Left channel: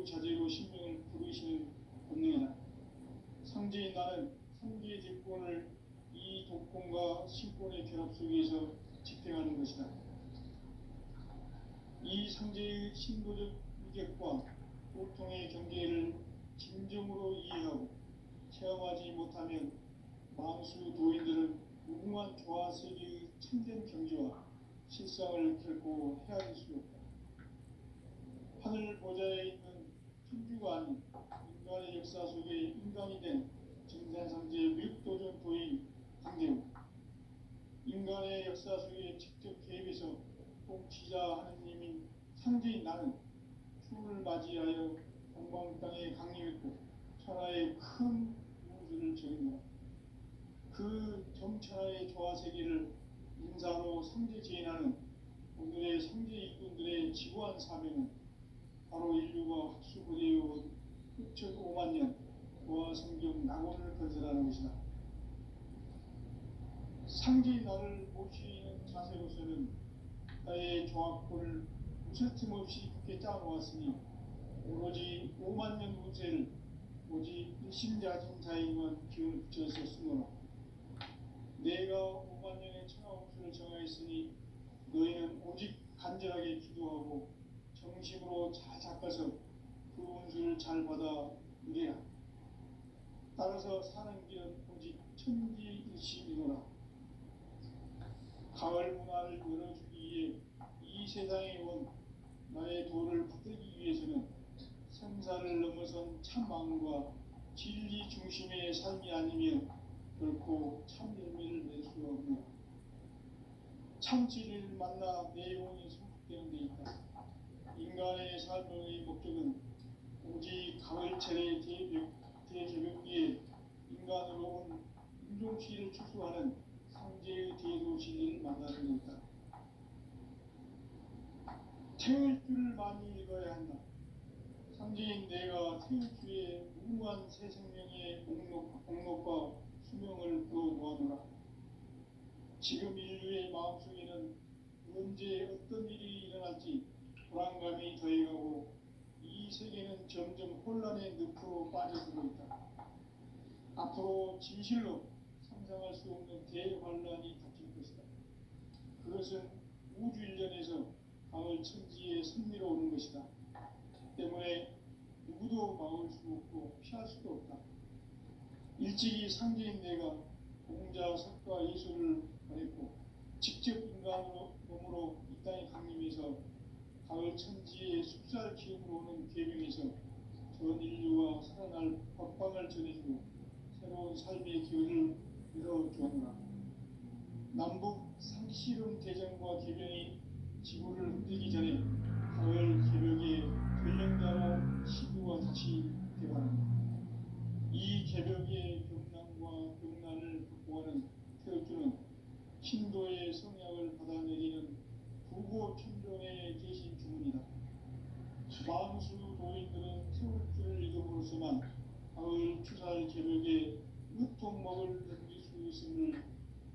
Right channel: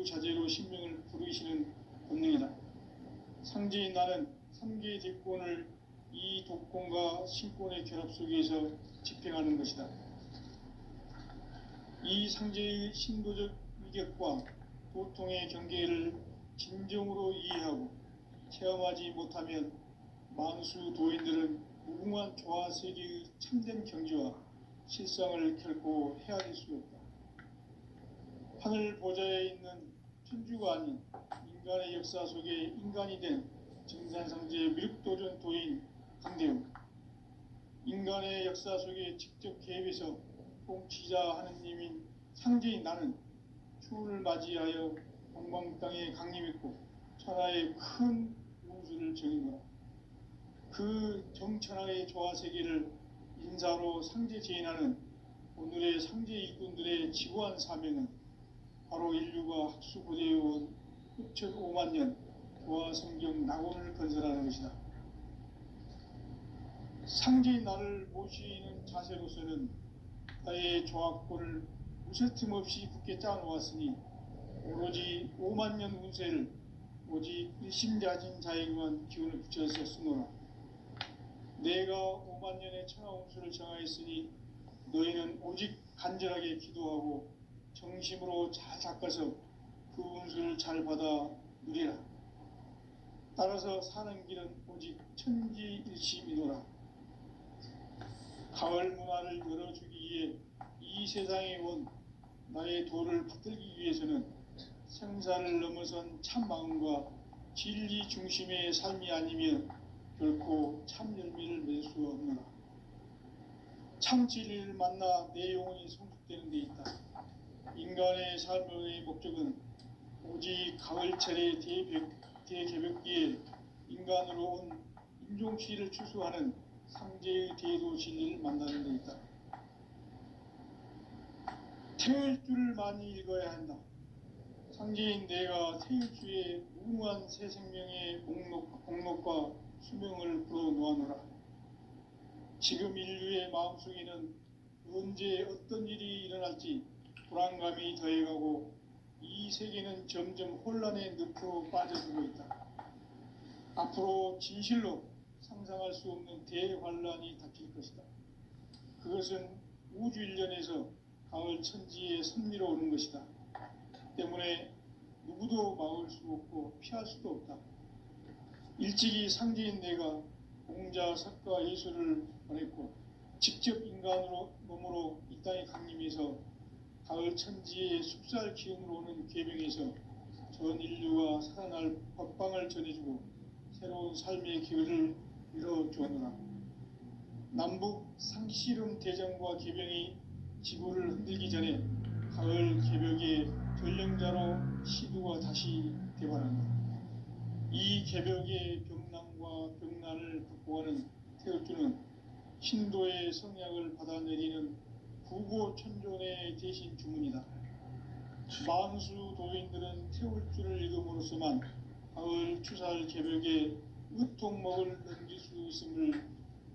자유자재로 sinh命을 부르시는 본능이다. 상제인 나는 3개의 대권을 이 독권과 신권의 결합 속에서 집행하는 것이다. 이 상제의 신도적 위격과 보통의 경계를 진정으로 이해하고 체험하지 못하면 만수 도인들은 무궁한 조화세계의 참된 경지와 실상을 결코 헤아릴 수 없다. 하늘 보좌에 있는 천주가 아닌 인간의 역사 속에 인간이 된 증산상제의 미륵도전 도인 강대웅, 인간의 역사 속에 직접 개입해서 통치자 하느님인 상제인 나는 추후를 맞이하여 동방 땅에 강림했고 천하의 큰 우주를 정의노라. 그 정천하의 조화세계를 인사로 상제제인하는 오늘의 상제 일꾼들의 지구한 사명은 바로 인류가 학수고대해온 6,500만 년 조화성경 낙원을 건설하는 것이다. 상제인 나를 모시는 자세로서는 나의 조화권을 무쇠틈 없이 굳게 짜놓았으니 오로지 5만 년 운세를 오직 일심자진 자에게만 기운을 붙여서 쓰노라. 내가 5만 년의 천하운수를 정하였으니 너희는 오직 간절하게 기도하고 정심으로 잘 닦아서 그 운수를 잘 받아 누리라. 따라서 사는 길은 오직 천지일심이노라. 가을 문화를 열어주기 위해 이 세상에 온 나의 도를 붙들기 위해서는 생사를 넘어선 참 마음과 진리 중심의 삶이 아니면 결코 참 열매를 맺을 수 없노라. 참 진리를 만나 내 영혼이 성숙되는 데 있다. 인간의 삶의 목적은 오직 가을철의 대개벽기에 인간으로 온 인종시를 추수하는 상제의 대도 진리를 만나는 데 있다. 태을 줄을 많이 읽어야 한다. 상제인 내가 태일주의 무궁한 새 생명의 공록과 수명을 불어놓아노라. 지금 인류의 마음속에는 언제 어떤 일이 일어날지 불안감이 더해가고 이 세계는 점점 혼란의 늪으로 빠져들고 있다. 앞으로 진실로 상상할 수 없는 대환란이 닥칠 것이다. 그것은 우주 일련에서 가을 천지에 선미로 오는 것이다. 때문에 누구도 막을 수 없고 피할 수도 없다. 일찍이 상제인 내가 공자, 석가, 예수를 보냈고 직접 인간으로 몸으로 이 땅에 강림해서 가을 천지의 숲살 기운으로 오는 계명에서 전 인류가 살아날 법방을 전해주고 새로운 삶의 기회를 열어주었노라. 남북 상씨름 대전과 계병이 지구를 흔들기 전에 가을 개벽의 전령자로 시두가 다시 개발한다. 이 개벽의 병난과 병난을 극복하는 태울주는 신도의 성약을 받아내리는 부고천존의 대신 주문이다. 만수 도인들은 태울주를 읽음으로써만 가을 추살 개벽에 으통목을 넘길 수 있음을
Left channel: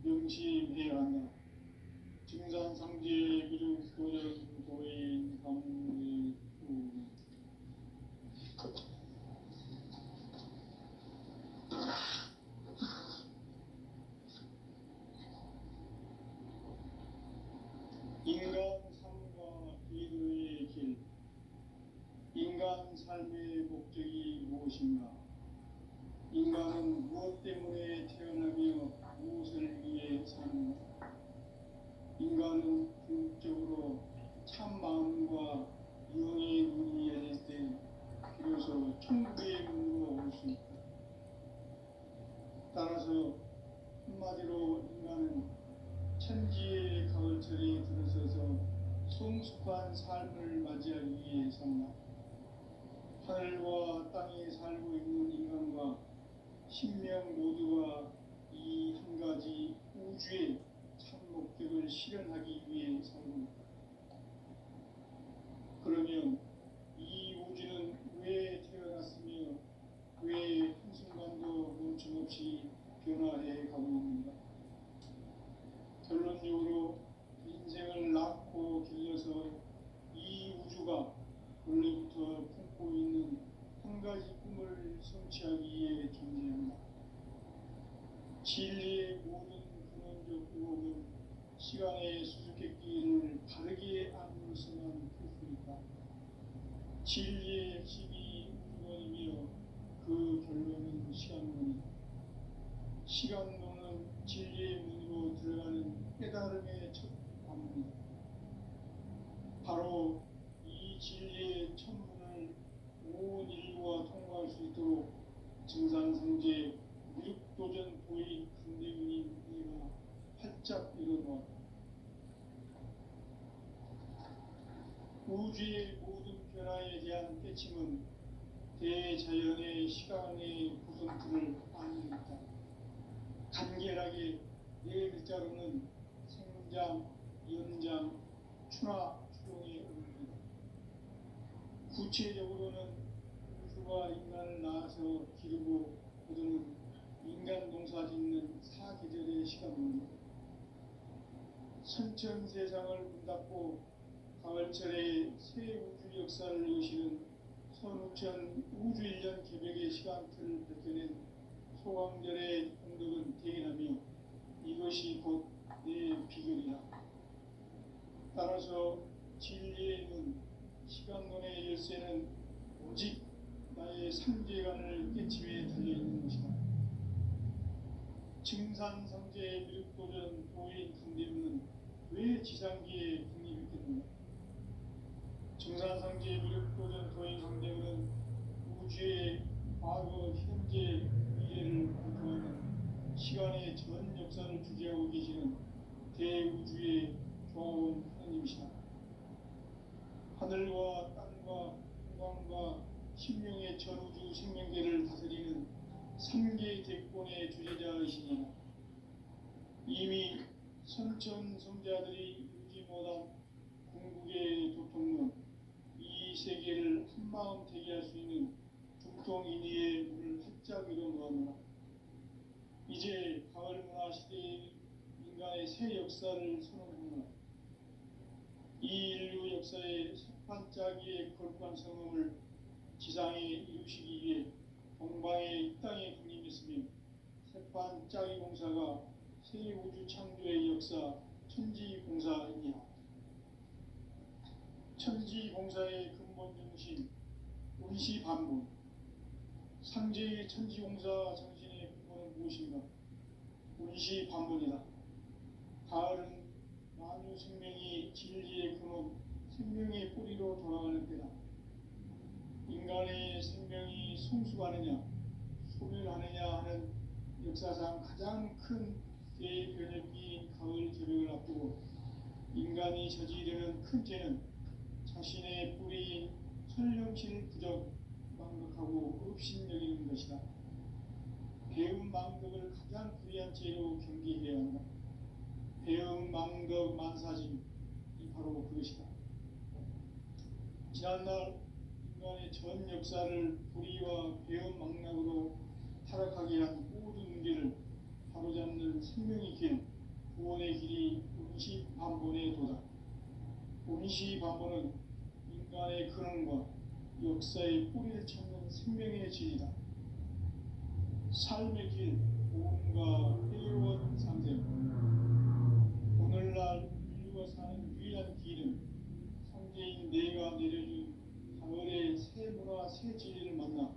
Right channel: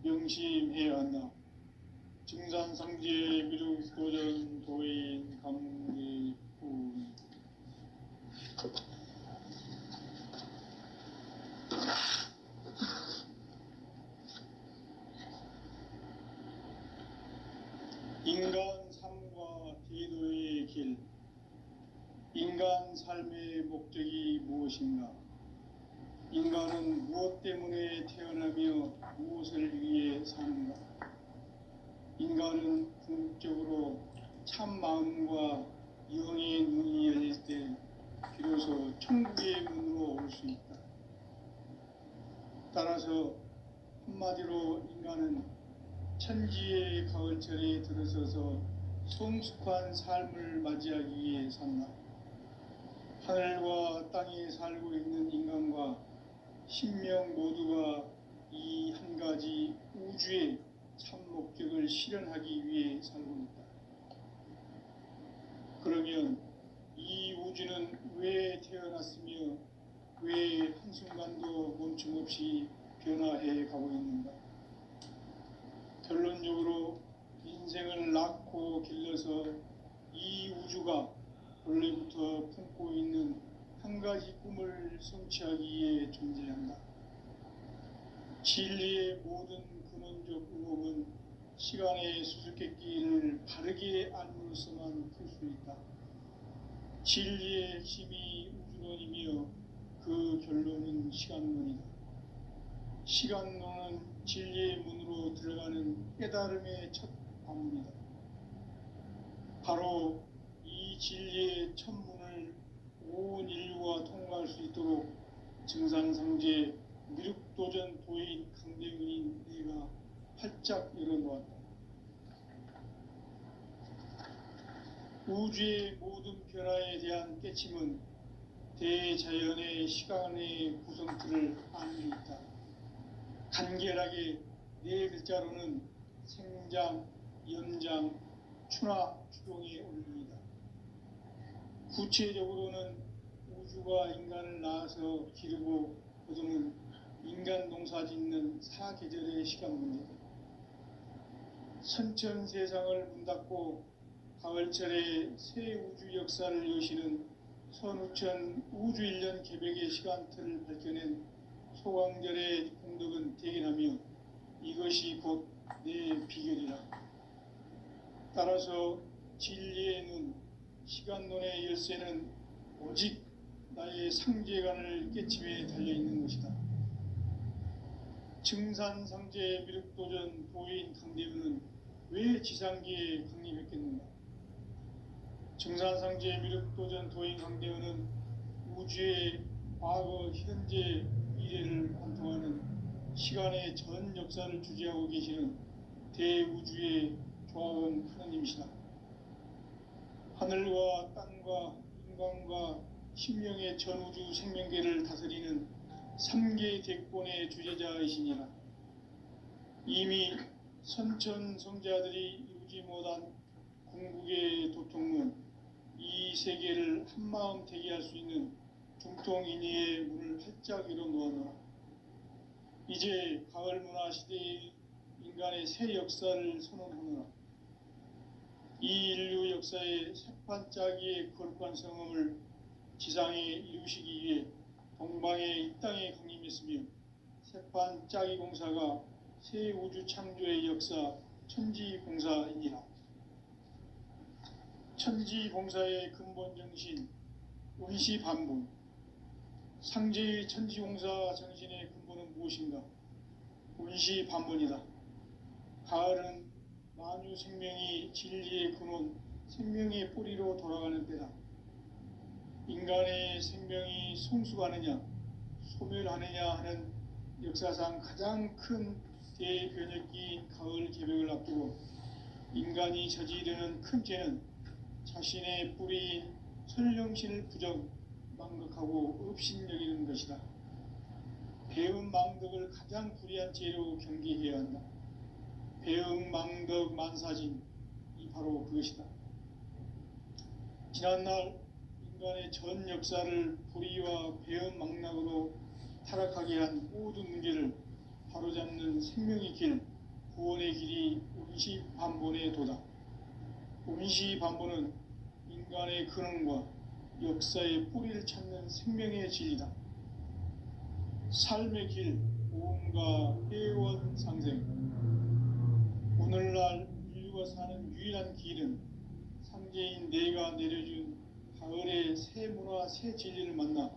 명심해야 한다. 증산상제 미륵도전 도인 강리훈. 인간 삶과 기도의 길. 인간 삶의 목적이 무엇인가? 인간은 무엇 때문에 태어나며 무엇을 위해 사는가? 인간은 궁극적으로 참 마음과 영의 눈이 열릴 때 비로소 천국의 문으로 올 수 있다. 따라서 한마디로 인간은 천지의 가을철에 들어서서 성숙한 삶을 맞이하기 위해 산다. 하늘과 땅에 살고 있는 인간과 신명 모두가 이 한 가지 우주의 참 목적을 실현하기 위해 살고 있다. 그러면 이 우주는 왜 태어났으며 왜 한순간도 멈춤없이 변화해 가고 있는가? 결론적으로 인생을 낳고 길러서 이 우주가 원래부터 품고 있는 진리를 성취하기 위해 존재한다. 진리의 모든 근원적 의혹은 시간의 수수께끼를 바르게 알므로서만 풀 수 있다. 진리의 핵심이 우주론이며 그 결론은 시간론이다. 시간론은 진리의 문으로 들어가는 깨달음의 첫 관문이다. 바로 이 진리의 첫 문을 온 인류가 통과할 수 있도록 증산상제 미륵도전 도인 강대윤인 내가 활짝 열어놓았다. 우주의 모든 변화에 대한 깨침은 대자연의 시간의 구성틀을 아는 데 있다. 간결하게 네 글자로는 생장, 연장, 추나 추동의 의미이다. 구체적으로는 우주가 인간을 낳아서 기르고 거두는 인간 농사 짓는 사계절의 시간문이다. 선천 세상을 문 닫고 가을철에 새 우주 역사를 여시는 선우천 우주일년 개백의 시간틀을 밝혀낸 소강절의 공덕은 대견하며 이것이 곧 내 비결이라. 따라서 진리의 눈, 시간론의 열쇠는 오직 나의 상제관을 깨침에 달려있는 것이다. 증산상제 미륵도전 도인 강대윤은 왜 지상기에 강림했겠는가? 증산상제 미륵도전 도인 강대윤은 우주의 과거, 현재, 미래를 관통하는 시간의 전 역사를 주재하고 계시는 대우주의 조화원 하느님이시다. 하늘과 땅과 인간과 신명의 전우주 생명계를 다스리는 3계 대권의 주제자이시니라. 이미 선천 성자들이 이루지 못한 궁극의 도통문, 이 세계를 한마음 대기할 수 있는 중통인의의 문을 활짝 열어놓았노라. 이제 가을 문화 시대의 인간의 새 역사를 선언하노라. 이 인류 역사의 새판짜기의 거룩한 성음을 지상에 이루시기 위해 동방의 이 땅에 강림했으며 새판짜기 공사가 새 우주 창조의 역사 천지공사이니라. 천지공사의 근본 정신 운시반분, 상제의 천지공사 정신의 근본은 무엇인가? 운시반분이다. 가을은 만유 생명이 진리의 근원, 생명의 뿌리로 돌아가는 때다. 인간의 생명이 성숙하느냐, 소멸하느냐 하는 역사상 가장 큰 대변혁기인 가을 개벽을 앞두고 인간이 저지르는 큰 죄는 자신의 뿌리인 설령신을 부정, 망각하고 업신여기는 것이다. 배음 망덕을 가장 불의한 죄로 경계해야 한다. 배음 망덕 만사진, 이 바로 그것이다. 지난날 인간의 전 역사를 불의와 배음 망락으로 타락하게 한 모든 문제를 바로잡는 생명의 길, 구원의 길이 운시반본의 도다. 운시반본은 인간의 근원과 역사의 뿌리를 찾는 생명의 진리다. 삶의 길, 오음과 회원 상생. 오늘날 인류가 사는 유일한 길은 상제인 내가 내려준 가을의 새 문화, 새 진리를 만나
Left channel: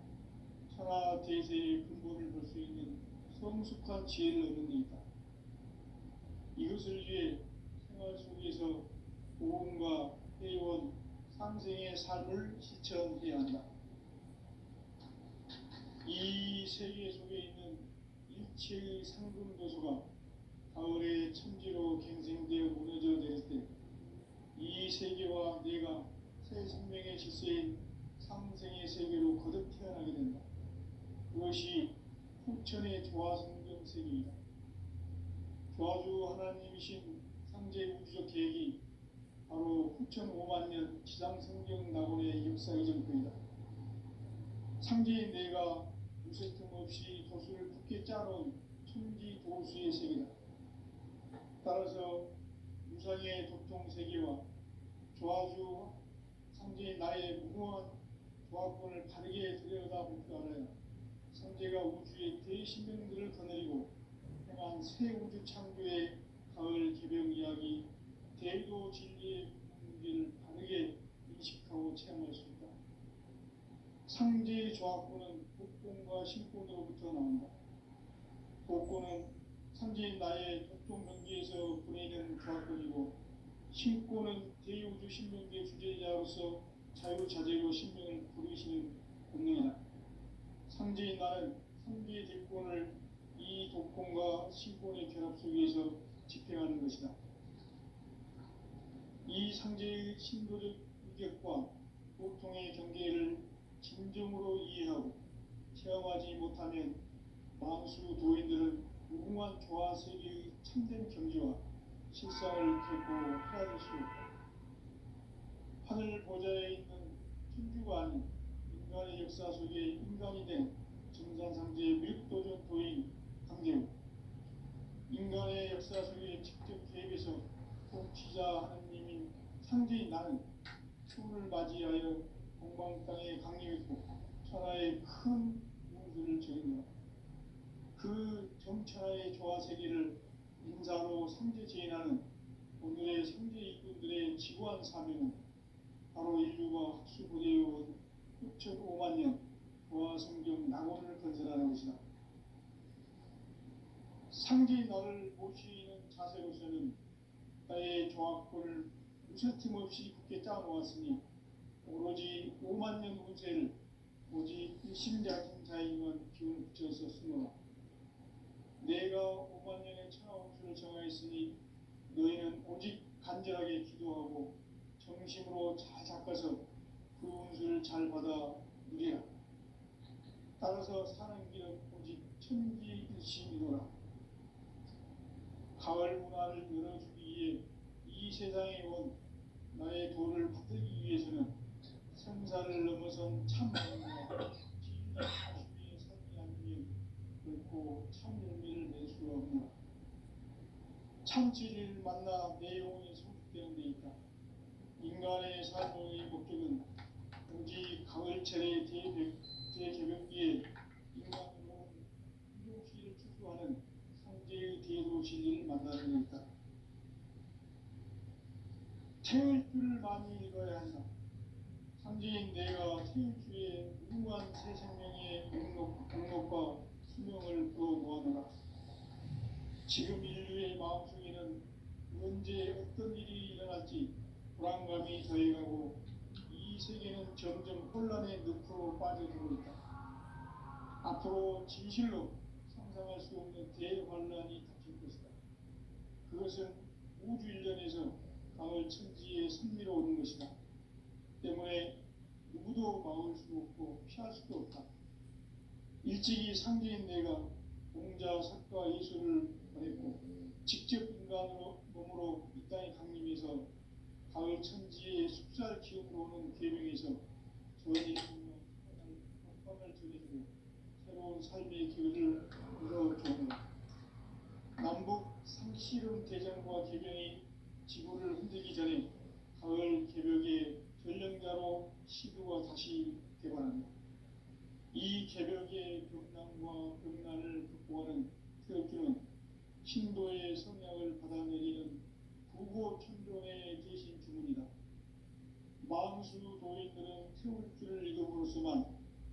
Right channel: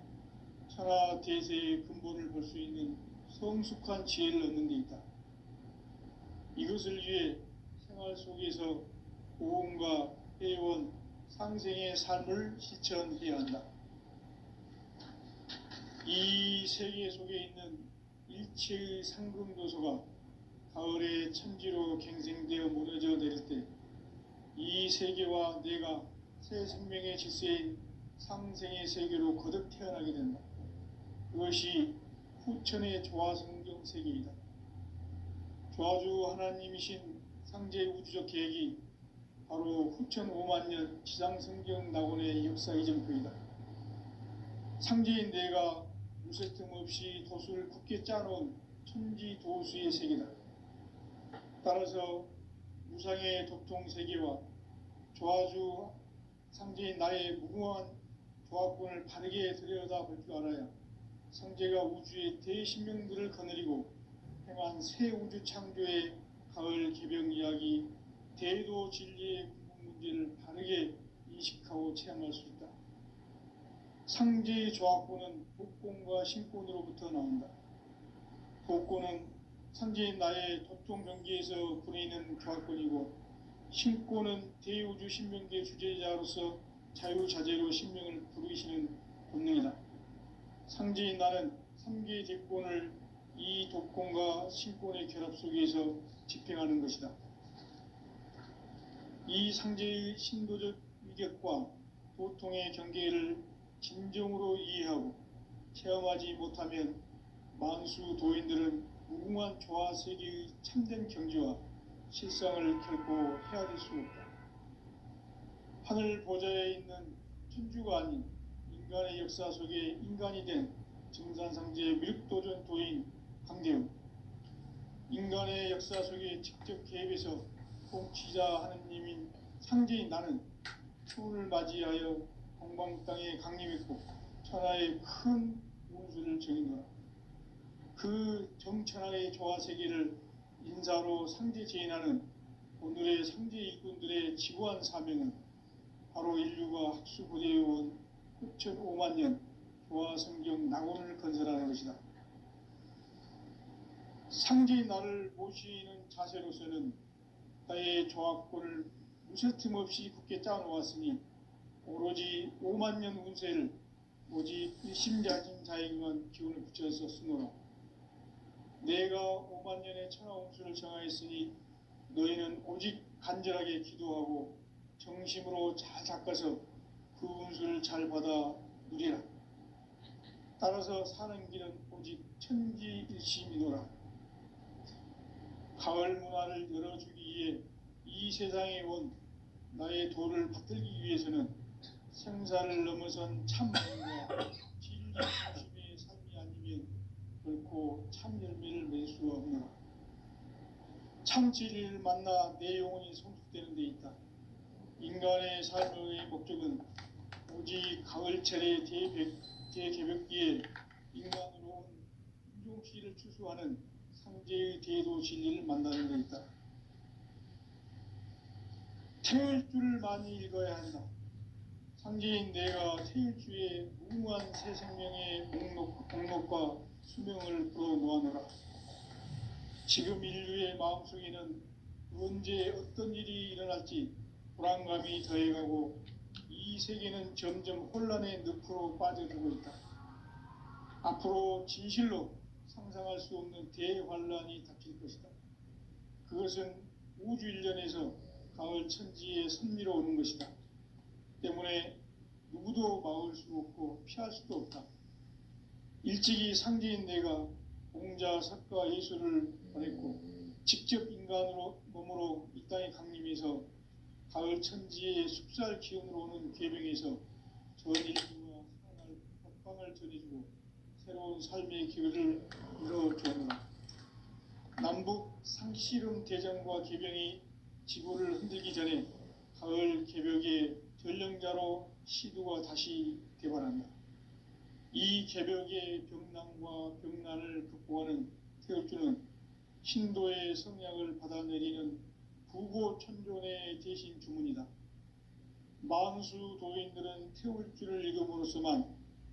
천하 대세의 근본을 볼 수 있는 성숙한 지혜를 얻는 데 있다. 이것을 위해 생활 속에서 오음과 회원, 상생의 삶을 실천해야 한다. 이 세계 속에 있는 일체의 상금도소가 가을의 천지로 갱생되어 무너져 내릴 때 이 세계와 내가 새 생명의 질서인 상생의 세계로 거듭 태어나게 된다. 그것이 후천의 조화성경 세계이다. 조화주 하나님이신 상제 우주적 계획이 바로 후천 5만 년 지상성경 낙원의 역사 이정표이다. 상제인 내가 무쇠 틈 없이 도수를 굳게 짜놓은 천지 도수의 세계다. 따라서 무상의 도통 세계와 조화주 상제인 나의 무궁한 조합권을 바르게 들여다볼 줄 알아야 성제가 우주의 대신명들을 거느리고 행한 새 우주 창조의 가을 개병 이야기, 대도 진리의 문제를 바르게 인식하고 체험할 수 있다. 상제의 조합권은 복권과 신권으로부터 나온다. 복권은 상제인 나의 도통 경계에서 부리는 조합권이고, 신권은 대우주 신명계 주제자로서 자유자재로 신명을 부르시는 본능이다. 상제인 나는 3개의 대권을 이 독권과 신권의 결합 속에서 집행하는 것이다. 이 상제의 신도적 위격과 도통의 경계를 진정으로 이해하고 체험하지 못하면 만수 도인들은 무궁한 조화 세계의 참된 경지와 실상을 결코 헤아릴 수 없다. 하늘 보좌에 있는 천주가 아닌 인간의 역사 속에 인간이 된 정산상제의 밀도전 도인 강대우, 인간의 역사 속에 직접 개입해서 통치자 하느님인 상제인 나는 추운을 맞이하여 동방 땅에 강림했고 천하의 큰 운수를 정인노라. 그 정천하의 조화 세계를 인사로 상제 제인하는 오늘의 상제 일꾼들의 지구한 사명은 바로 인류가 학수고대해온 6,500만 년 조화 성경 낙원을 건설하는 것이다. 상제인 나를 모시는 자세로서는 나의 조합권을 무쇠틈 없이 굳게 짜놓았으니 오로지 5만 년 운세를 오직 일심자진자에게만 기운을 붙여서 쓰노라. 내가 5만 년의 천하 운수를 정하였으니 너희는 오직 간절하게 기도하고 정심으로 잘 닦아서 그 운수를 잘 받아 누리라. 따라서 사는 길은 오직 천지일심이노라. 가을 문화를 열어주기 위해 이 세상에 온 나의 도를 붙들기 위해서는 생사를 넘어선 참만과 진리 중심의 삶이 아니면 결코 참 열매를 맺을 수 없노라. 참 진리를 만나 내 영혼이 성숙되는 데 있다. 인간의 삶의 목적은 오직 가을철의 대개벽기에 인간으로 온 인종시를 추수하는 상제의 대도 진리를 만나는 데 있다. 태울 줄을 많이 읽어야 한다. 상제인 내가 태일주의 무궁한 새 생명의 목록과 수명을 풀어놓아노라. 지금 인류의 마음속에는 언제 어떤 일이 일어날지 불안감이 더해가고 이 세계는 점점 혼란의 늪으로 빠져들고 있다. 앞으로 진실로 상상할 수 없는 대환란이 닥칠 것이다. 그것은 우주 일련에서 가을 천지에 선미로 오는 것이다. 때문에 누구도 막을 수 없고 피할 수도 없다. 일찍이 상제인 내가 공자, 석가, 예수를 보냈고 직접 인간으로 몸으로 이 땅에 강림해서 가을 천지의 숲살 기운으로 오는 계명에서 전 인류와 살아날 법방을 전해주고 새로운 삶의 기회를 열어주었노라. 남북 상씨름 대전과 계병이 지구를 흔들기 전에 가을 개벽의 전령자로 시도가 다시 개발한다. 이 개벽의 병난과 병난을 극복하는 태엽주는 신도의 성약을 받아내리는 부고천존의 대신 주문이다. 만수 도인들은 태울주를 읽음으로써만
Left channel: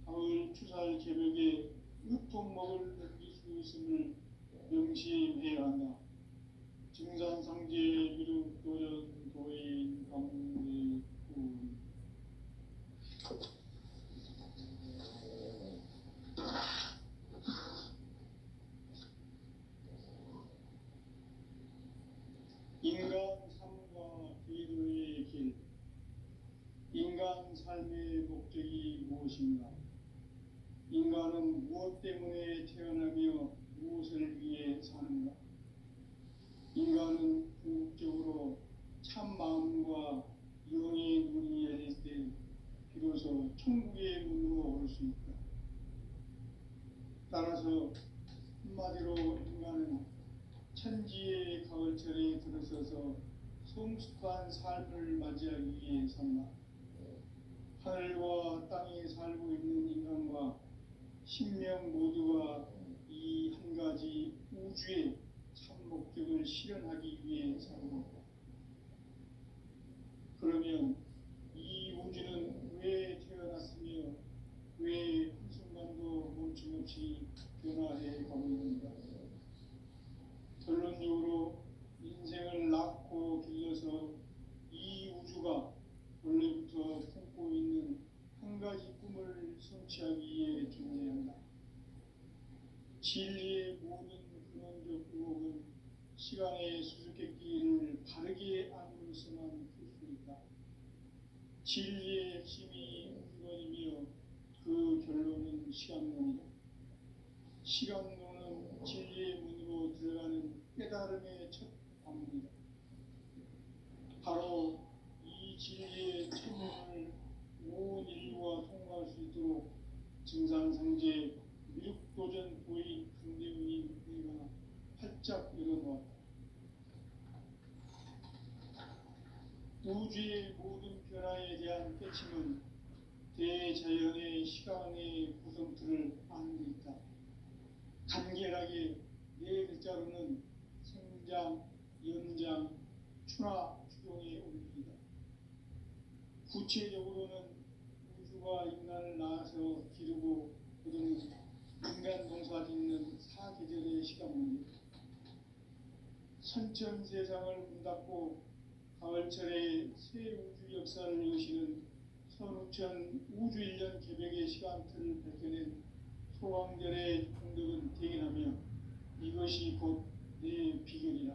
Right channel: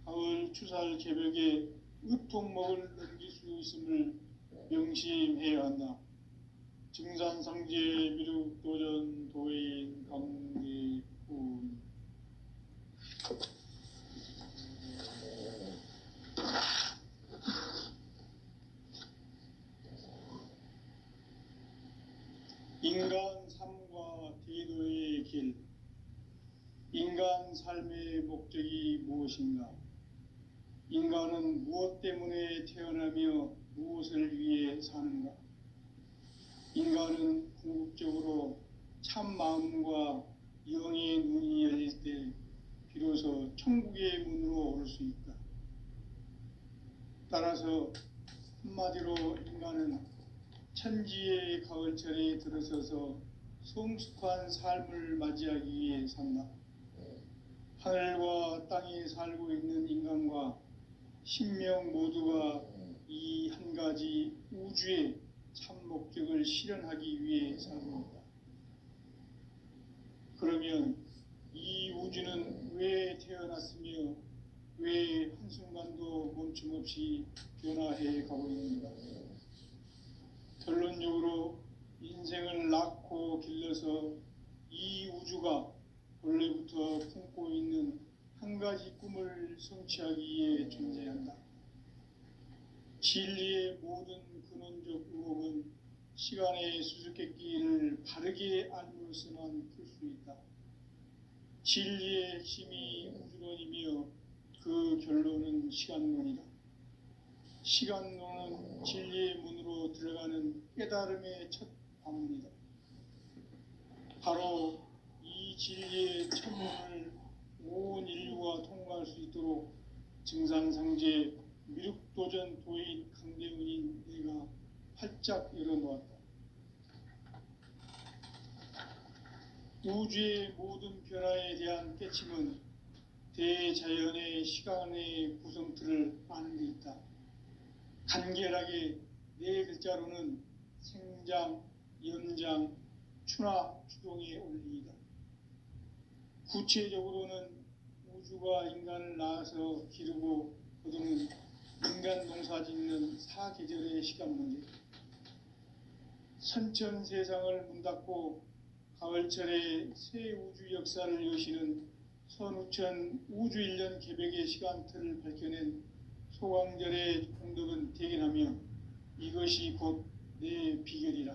가을 추살 개벽의 으통목을 넘길 수 있음을 명심해야 한다. 증산상제 미륵도전 도인 강대군. 인간 삶과 기도의 길. 인간 삶의 목적이 무엇인가? 인간은 무엇 때문에 태어나며 무엇을 위해 사는가? 인간은 궁극적으로 참 마음과 영의 눈이 열릴 때 비로소 천국의 문으로 올 수 있다. 따라서 한마디로 인간은 천지의 가을철에 들어서서 성숙한 삶을 맞이하기 위해 산다. 하늘과 땅에 살고 있는 인간과 신명 모두가 이 한 가지 우주의 참 목적을 실현하기 위해 살아갑니다. 그러면 이 우주는 왜 태어났으며 왜 한순간도 멈춤없이 변화해 가고 있는가? 결론적으로 인생을 낳고 길러서 이 우주가 원래부터 품고 있는 한 가지 꿈을 성취하기 위해 존재한다. 진리의 모든 근원적 의혹은 시간의 수수께끼를 바르게 알므로서만 풀 수 있다. 진리의 핵심이 우주론이며 그 결론은 시간론이다. 시간론은 진리의 문으로 들어가는 깨달음의 첫 방문이다. 바로 이 진리의 첫 문을 온 인류가 통과할 수 있도록 증산상제 미륵도전 도인 강대훈인 내가 활짝 열어놓았다. 우주의 모든 변화에 대한 깨침은 대자연의 시간의 구성틀을 아는 데 있다. 간결하게 네 글자로는 생장, 연장, 추나 추동의 원리이다. 구체적으로는 우주가 인간을 낳아서 기르고 거두는 인간 농사 짓는 사계절의 시간 문제, 선천 세상을 문 닫고 가을철에 새 우주 역사를 여시는 선우천 우주 1년 개백의 시간틀을 밝혀낸 소강절의 공덕은 대견하며 이것이 곧 내 비결이라.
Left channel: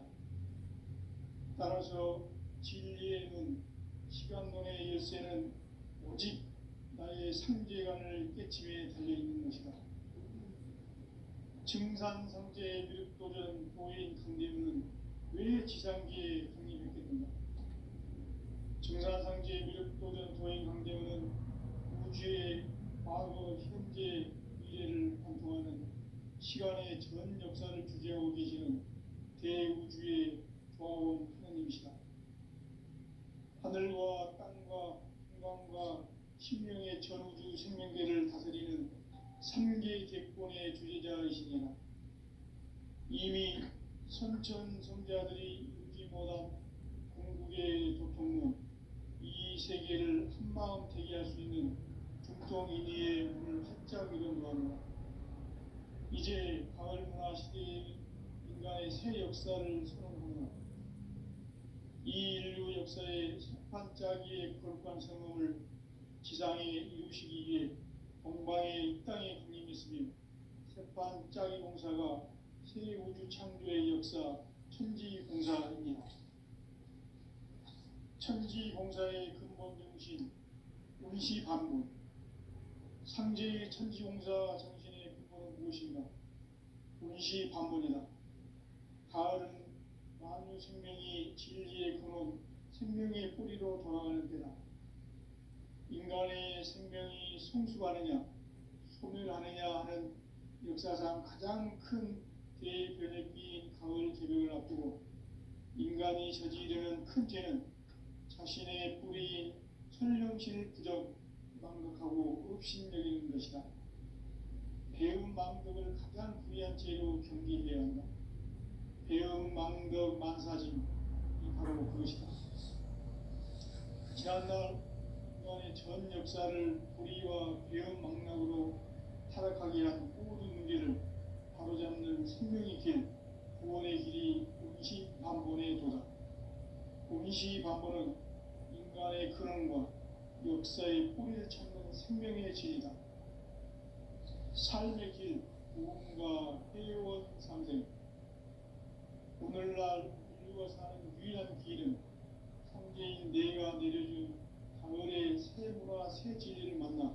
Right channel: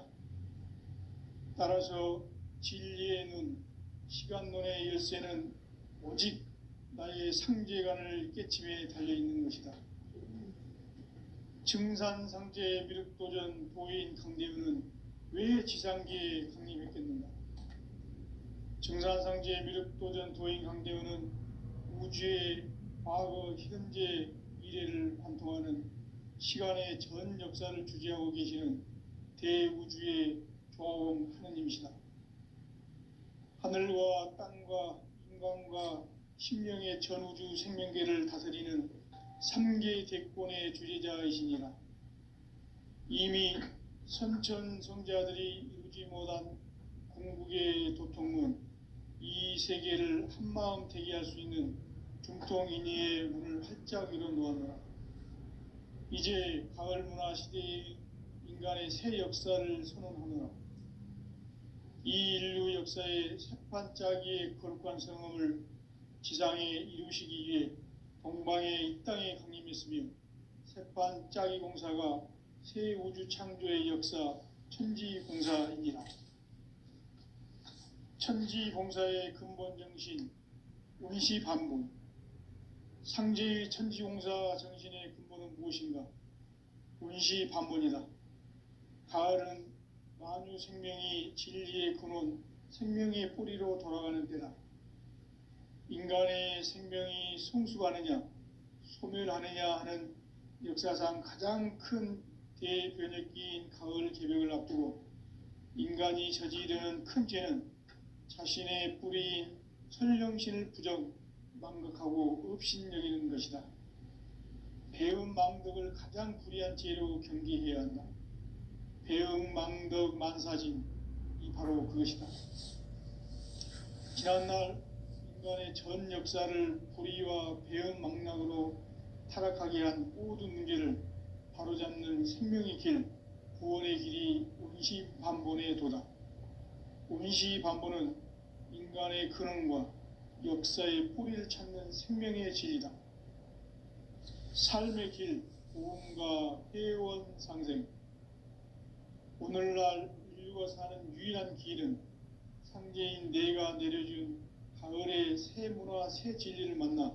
따라서 진리의 눈, 시간론의 열쇠는 오직 나의 상제관을 깨침에 달려있는 것이다. 증산상제 미륵도전 도인 강대훈은 왜 지상계에 강림했겠는가? 증산상제 미륵도전 도인 강대훈은 우주의 과거, 현재, 미래를 관통하는 시간의 전 역사를 주재하고 계시는 대우주의 조화원 하느님이시다. 하늘과 땅과 인간과 신명의 전우주 생명계를 다스리는 3계 대권의 주재자이시니라. 이미 선천 성자들이 이루지 못한 궁극의 도통문, 이 세계를 한마음 되게 할 수 있는 중통인의의 문을 활짝 열어놓아라. 이제 가을 문화 시대의 인간의 새 역사를 선언하노라. 이 인류 역사의 새판짜기의 거룩한 성음을 지상에 이루시기 위해 동방의 이 땅에 강림했으며 새판짜기 공사가 새 우주 창조의 역사 천지봉사이니라. 천지봉사의 근본 정신 운시반분, 상제의 천지공사 정신의 근본은 무엇인가? 운시반분이다. 가을은 만유 생명이 진리의 근원, 생명의 뿌리로 돌아가는 때다. 인간의 생명이 성숙하느냐, 소멸하느냐 하는 역사상 가장 큰 대변혁기인 가을 개벽을 앞두고 인간이 저지르는 큰 죄는 자신의 뿌리인 설령신을 부정 망각하고 업신여기는 것이다. 배음 망덕을 가장 불의한 죄로 경계해야 한다. 배음 망덕 만사진, 이 바로 그것이다. 지난날 인간의 전 역사를 불의와 배음 망락으로 타락하게 한 모든 문제를 바로잡는 생명의 길, 구원의 길이 운시반본의 도다. 운시반본은 인간의 근원과 역사의 뿌리를 찾는 생명의 진리다. 삶의 길, 구원과 회원 상생. 오늘날 인류가 사는 유일한 길은 상제인 내가 내려준 가을의 새 문화, 새 진리를 만나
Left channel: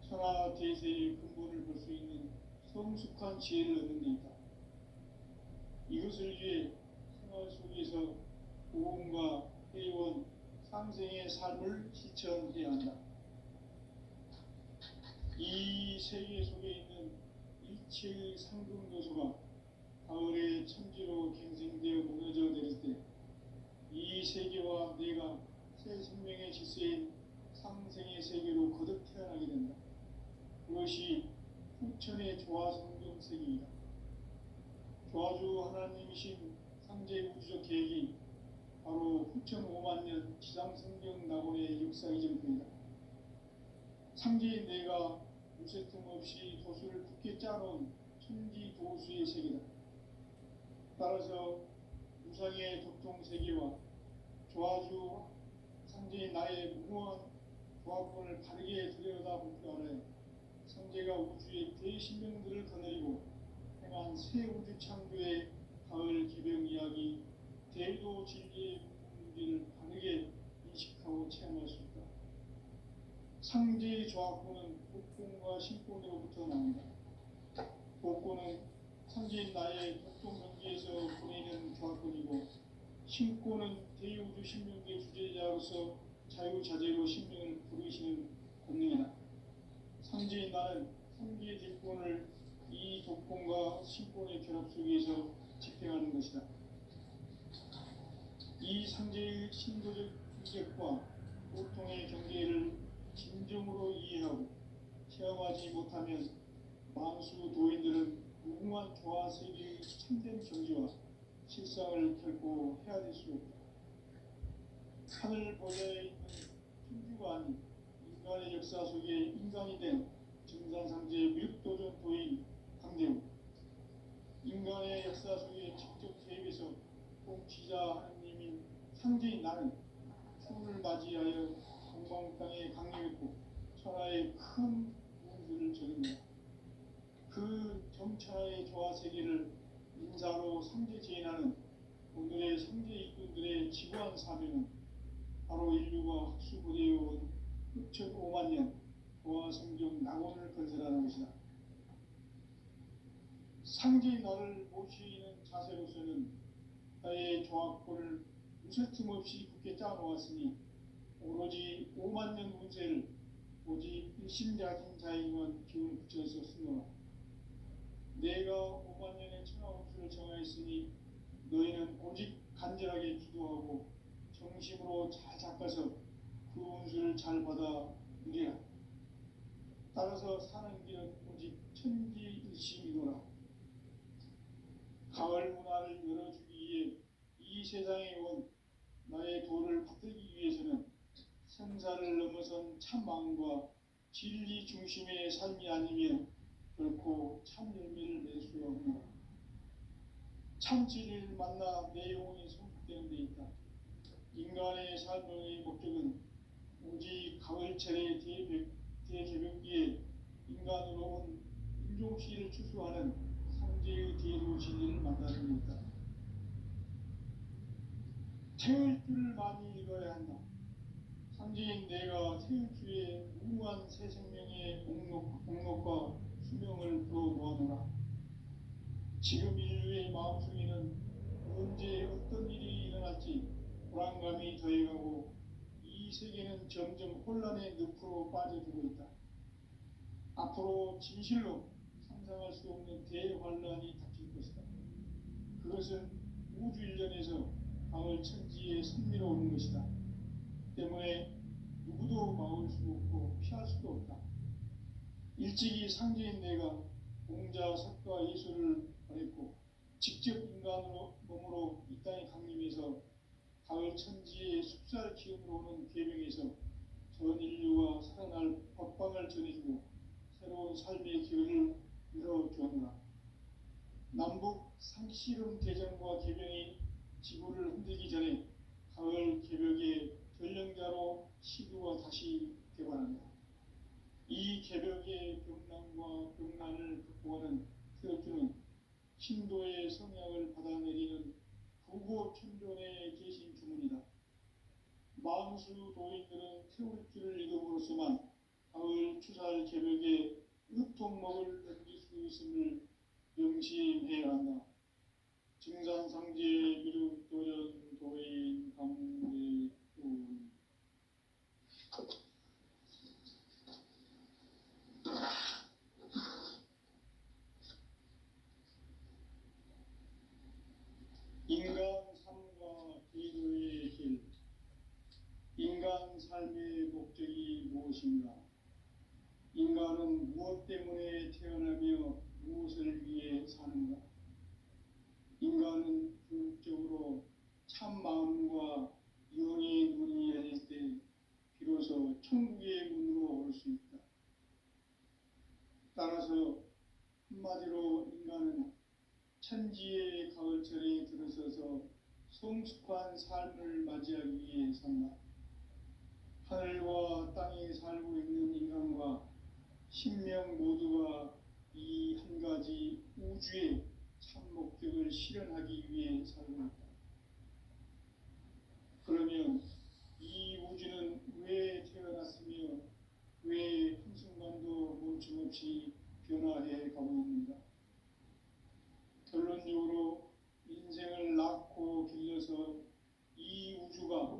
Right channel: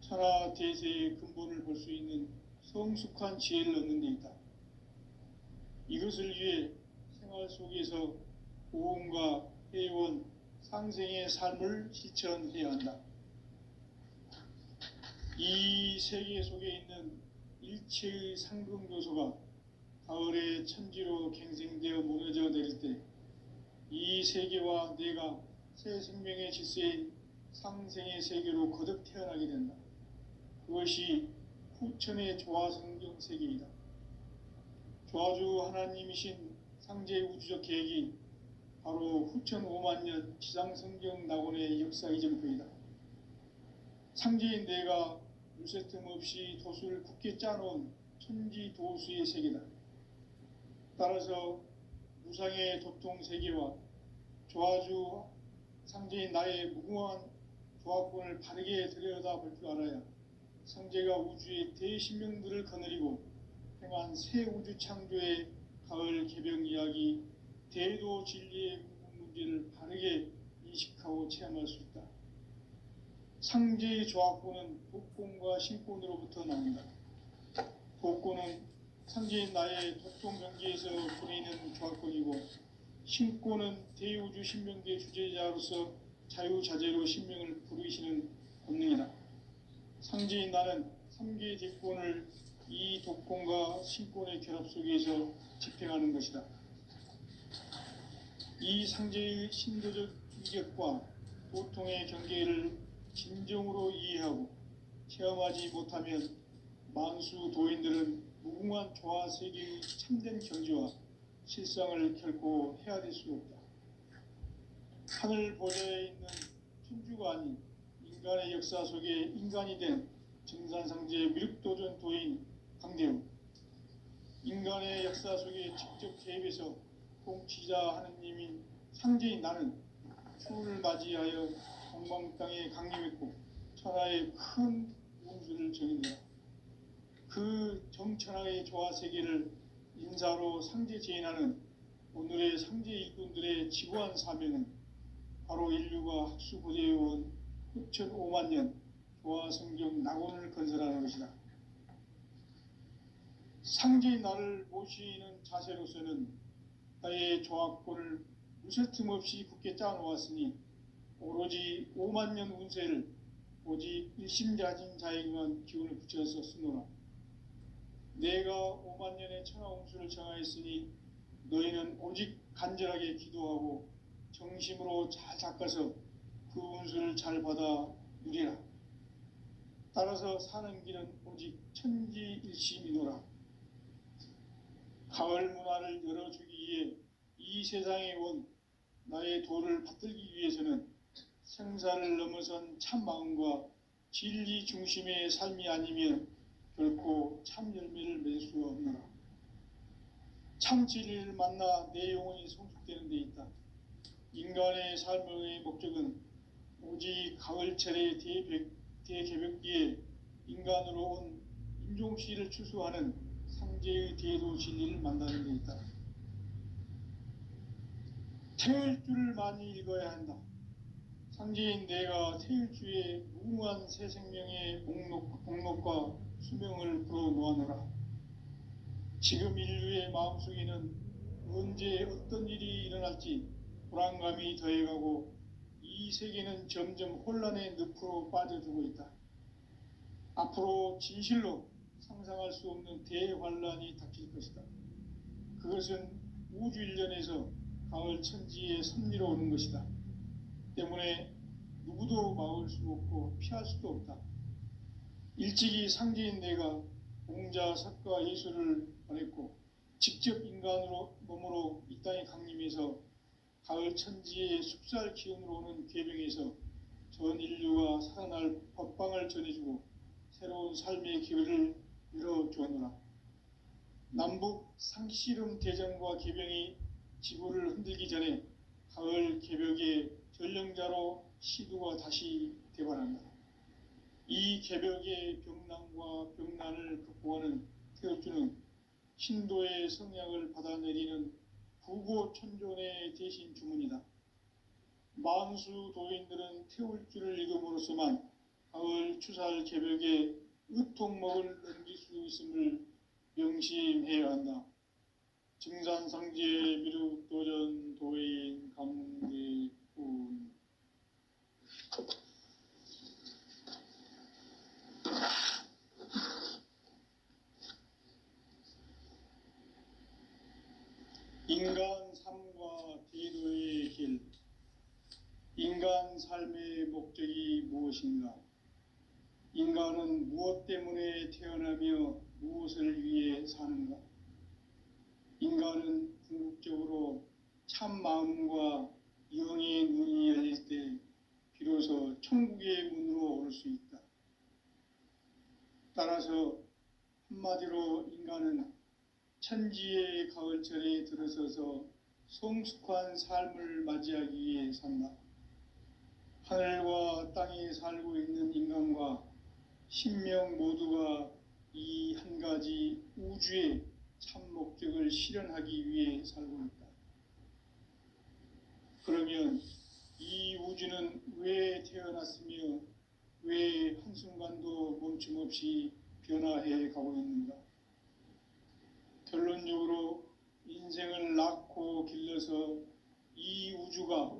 천하 대세의 근본을 볼 수 있는 성숙한 지혜를 얻는 데 있다. 이것을 위해 생활 속에서 구원과 회원, 상생의 삶을 실천해야 한다. 이 세계 속에 있는 일체의 상금 요소가 가을의 천지로 갱생되어 모여져 내릴 때 이 세계와 내가 새 생명의 질서인 상생의 세계로 거듭 태어나게 된다. 그것이 후천의 조화성경 세계이다. 조화주 하나님이신 상제의 우주적 계획이 바로 후천 5만 년 지상성경 낙원의 역사 이전부이다. 상제인 내가 무쇠 틈 없이 도수를 굳게 짜놓은 천지 도수의 세계다. 따라서 무상의 도통 세계와 조화주 상제인 나의 무궁한 조화권을 바르게 들여다볼 줄 알아야 상제가 우주의 대신명들을 거느리고 행한 새 우주 창조의 가을 개병 이야기, 대도 진리의 문제를 바르게 인식하고 체험할 수 있다. 상제의 조화권은 복권과 신권으로부터 나온다. 복권은 상제인 나의 독동 경지에서 보내는 조화권이고, 신권은 대우주 신명계 주제자로서 자유자재로 신명을 부르시는 권능이다. 상제인 나는 3개의 뒷권을 이 독권과 신권의 결합 속에서 집행하는 것이다. 이 상제의 신도적 인격과 보통의 경계를 진정으로 이해하고 체험하지 못하면 만수 도인들은 무궁한 조화 세계의 참된 경지와 실상을 결코 헤아릴 수 없다. 하늘 보좌에 있는 천주가 아닌 인간의 역사 속에 인간이 된 증산상제 미륵도전 도인 강대웅, 인간의 역사 속에 직접 개입해서 통치자 하느님인 상제인 나는 추운을 맞이하여 동방 땅에 강림했고 천하의 큰 운수를 정했노라. 그 정천하의 조화 세계를 인사로 상제 제인하는 오늘의 상제 일꾼들의 지구한 사명은 바로 인류가 학수고대해온 후천 5만 년 조화 성경 낙원을 건설하는 것이다. 상제인 나를 모시는 자세로서는 나의 조화권을 무쇠 틈 없이 굳게 짜놓았으니 오로지 5만 년 운세를 오직 일심자진 자에게만 기운을 붙여서 쓰노라. 내가 5만 년의 천하 운수를 정하였으니 너희는 오직 간절하게 기도하고 정심으로 잘 닦아서 그 운수를 잘 받아 누리라. 따라서 사는 길은 오직 천지일심이노라. 가을 문화를 열어주기 위해 이 세상에 온 나의 도를 받들기 위해서는 생사를 넘어선 참 마음과 진리 중심의 삶이 아니면 결코 참 열매를 맺을 수 없노라. 참 진리를 만나 내 영혼이 성숙되는 데 있다. 인간의 삶의 목적은 오직 가을철의 대개벽기에 인간으로 온 인종시를 추수하는 상제의 대도 진리를 만나는 데 있다. 태일주를 많이 읽어야 한다. 상제인 내가 태일주의 무궁한 새 생명의 목록과 수명을 풀어놓아노라. 지금 인류의 마음속에는 언제 어떤 일이 일어날지 불안감이 더해가고 이 세계는 점점 혼란의 늪으로 빠져들고 있다. 앞으로 진실로 상상할 수 없는 대환란이 닥칠 것이다. 그것은 우주 일련에서 가을 천지에 섭리로 오는 것이다. 때문에 누구도 막을 수 없고 피할 수도 없다. 일찍이 상제인 내가 공자, 석가, 예수를 보냈고 직접 인간으로 몸으로 이 땅에 강림해서 가을 천지의 숙살 기운으로 오는 계명에서 전 인류가 살아날 법방을 전해주고 새로운 삶의 기회를 열어주었노라. 남북 상씨름 대전과 계병이 지구를 흔들기 전에 가을 개벽의 전령자로 시두가 다시 대발합니다. 이 개벽의 병난과 병난을 극복하는 태엽주는 신도의 성약을 받아내리는 구고천존의 대신 주문이다. 만수 도인들은 태울주를 읽음으로써만 가을 추살 개벽의 의통목을 넘길 수 있음을 명심해야 한다. 증산상제 미륵도전 도인 강대훈. 인간 삶과 제도의 길. 인간 삶의 목적이 무엇인가? 인간은 인간은 무엇 때문에 태어나며 무엇을 위해 사는가? 인간은 궁극적으로 참 마음과 영의 문이 열릴 때 비로소 천국의 문으로 올 수 있다. 따라서 한마디로 인간은 천지의 가을철에 들어서서 성숙한 삶을 맞이하기 위해 산다. 하늘과 땅에 살고 있는 인간과 신명 모두가 이 한 가지 우주의 참 목적을 실현하기 위해 살고 있다. 그러면 이 우주는 왜 태어났으며 왜 한순간도 멈춤없이 변화해 가고 있는가? 결론적으로 인생을 낳고 길러서 이 우주가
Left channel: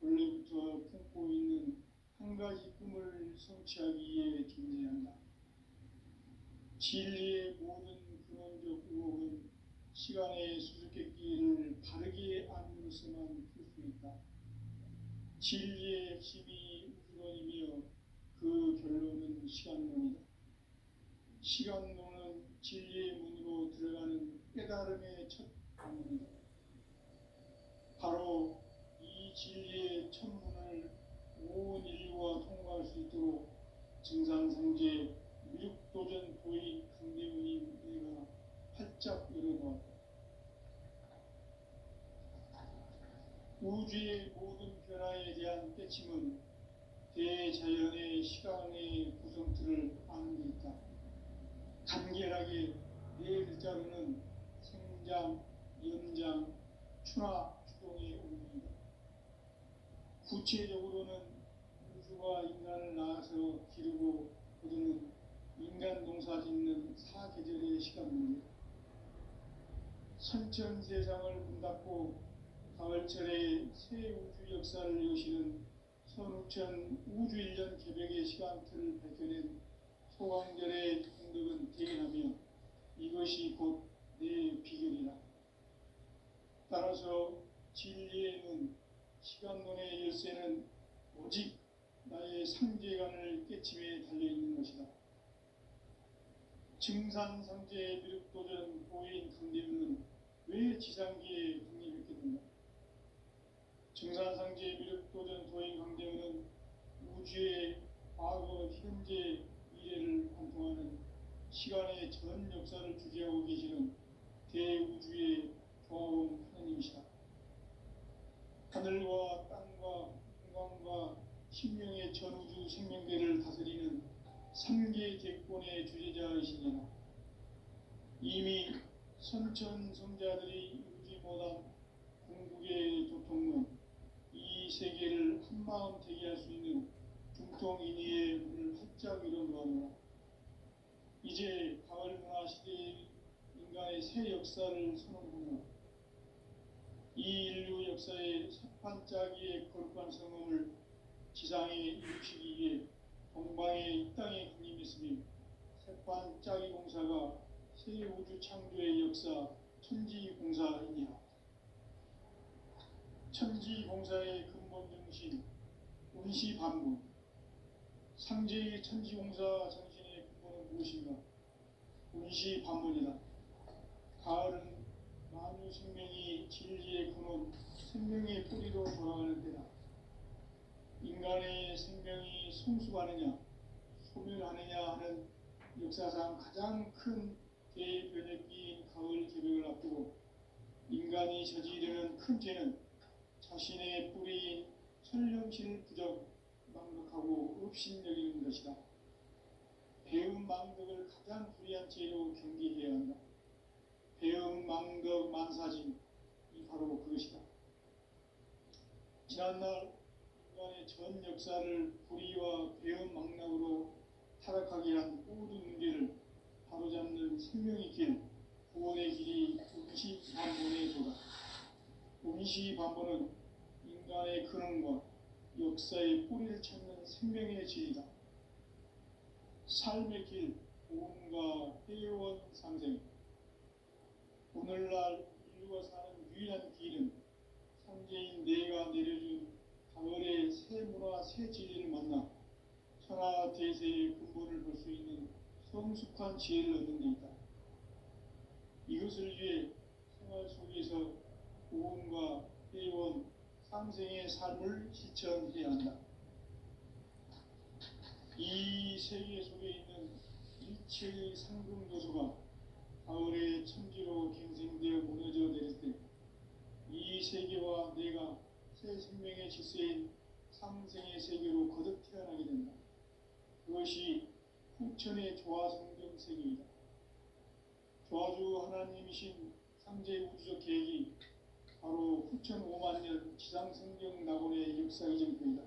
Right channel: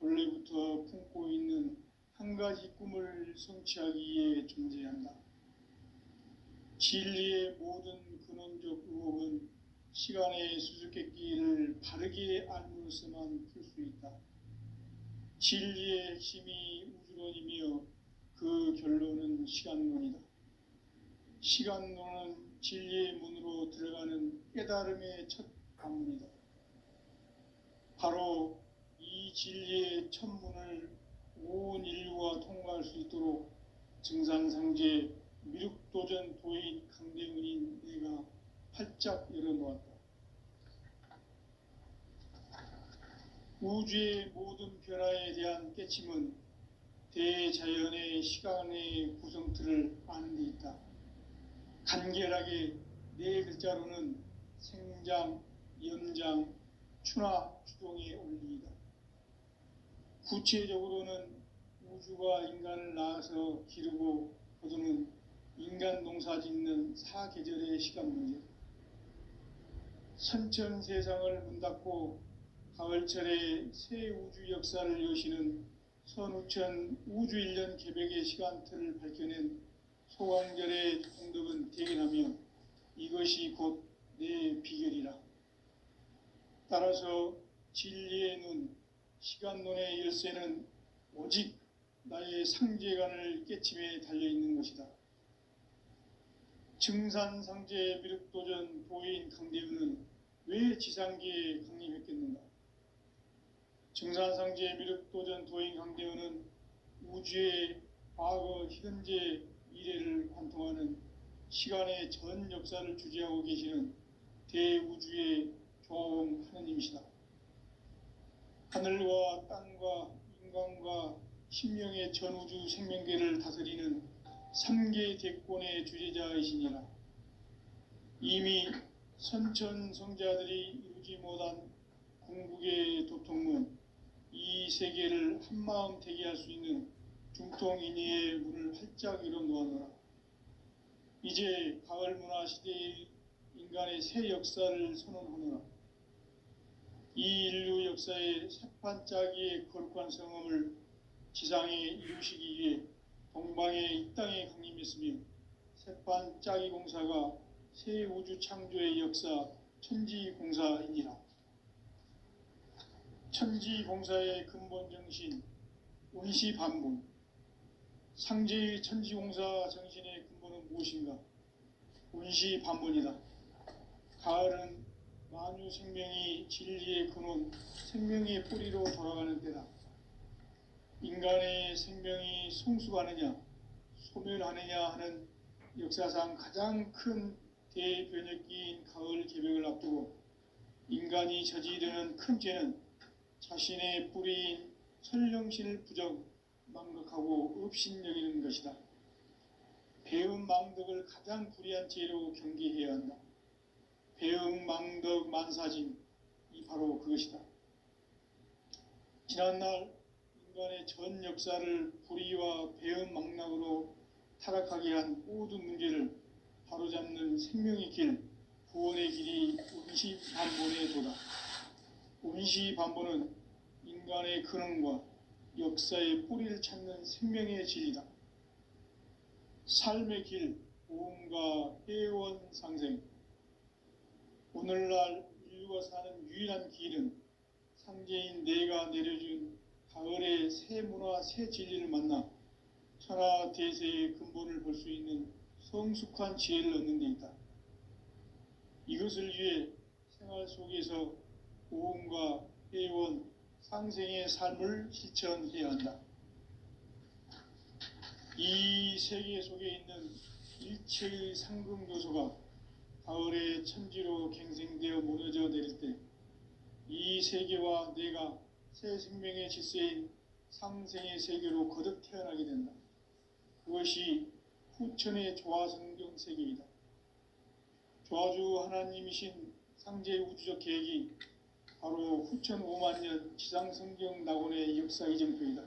원래부터 품고 있는 한 가지 꿈을 성취하기 위해 존재한다. 진리의 모든 근원적 의혹은 시간의 수수께끼를 바르게 알므로서만 풀 수 있다. 진리의 핵심이 우주론이며 그 결론은 시간론이다. 시간론은 진리의 문으로 들어가는 깨달음의 첫 방문이다. 바로 이 진리의 첫 문을 온 인류가 통과할 수 있도록 증산상제 미륵도전 도인 강대훈인 내가 활짝 열어놓았다. 우주의 모든 변화에 대한 깨침은 대자연의 시간의 구성틀을 아는 데 있다. 간결하게 네 글자로는 생장, 연장, 추나 추동의 원리이다. 구체적으로는 우주가 인간을 낳아서 기르고 거두는 인간 농사 짓는 사계절의 시간 문제. 선천 세상을 문 닫고 가을철에 새 우주 역사를 여시는 선우천 우주 1년 개백의 시간틀을 밝혀낸 소강절의 공덕은 대견하며 이것이 곧 내 비결이라. 따라서 진리의 눈, 시간론의 열쇠는 오직 나의 상제관을 깨침에 달려있는 것이다. 증산상제 미륵도전 보인 강대훈은 왜 지상계에 강림했겠는가? 증산상제 미륵도전 도인 강대훈은 우주의 과거, 현재, 미래를 관통하는 시간의 전 역사를 주재하고 계시는 대우주의 교황 하느님이시다. 하늘과 땅과 인간과 신명의 전우주 생명계를 다스리는 3계 대권의 주재자이시니라. 이미 선천성자들이 이루지 못한 궁극의 도통문, 이 세계를 한마음 되게 할 수 있는 중통인의의 문을 활짝 열어놓아노라. 이제 가을 문화 시대의 인간의 새 역사를 선언하노라. 이 인류 역사의 새판짜기의 거룩한 성험을 지상에 이루시기 위해 동방에 이 땅에 강림했으며 새판짜기 공사가 새 우주 창조의 역사 천지공사이니라. 천지공사의 근본 정신 운시반분. 상제의 천지공사 정신의 근본은 무엇인가? 운시반분이다. 가을은 만유 생명이 진리의 근원, 생명의 뿌리로 돌아가는 때다. 인간의 생명이 성숙하느냐, 소멸하느냐 하는 역사상 가장 큰 대변혁기인 가을 개벽을 앞두고 인간이 저지르는 큰 죄는 자신의 뿌리인 설령신을 부정망덕하고 업신여기는 것이다. 배은망덕을 가장 불의한 죄로 경계해야 한다. 배은망덕 만사진, 이 바로 그것이다. 지난날 인간의 전 역사를 불의와 배은망락으로 타락하게 한 모든 문제를 바로잡는 생명의 길, 구원의 길이 운시반본의 도다. 운시반본은 인간의 근원과 역사의 뿌리를 찾는 생명의 진리다. 삶의 길, 보험과 회원 상생. 오늘날 인류가 사는 유일한 길은 상제인 내가 내려준 가을의 새 문화, 새 진리를 만나 천하 대세의 근본을 볼 수 있는 성숙한 지혜를 얻는 데 있다. 이것을 위해 생활 속에서 고음과 회원, 상생의 삶을 실천해야 한다. 이 세계 속에 있는 일체의 상급 요소가 가을의 천지로 갱생되어 무너져 내릴 때 이 세계와 내가 새 생명의 질서인 상생의 세계로 거듭 태어나게 된다. 그것이 후천의 조화성경 세계이다. 조화주 하나님이신 상제 우주적 계획이 바로 후천 5만년 지상성경 낙원의 역사 이정표이다.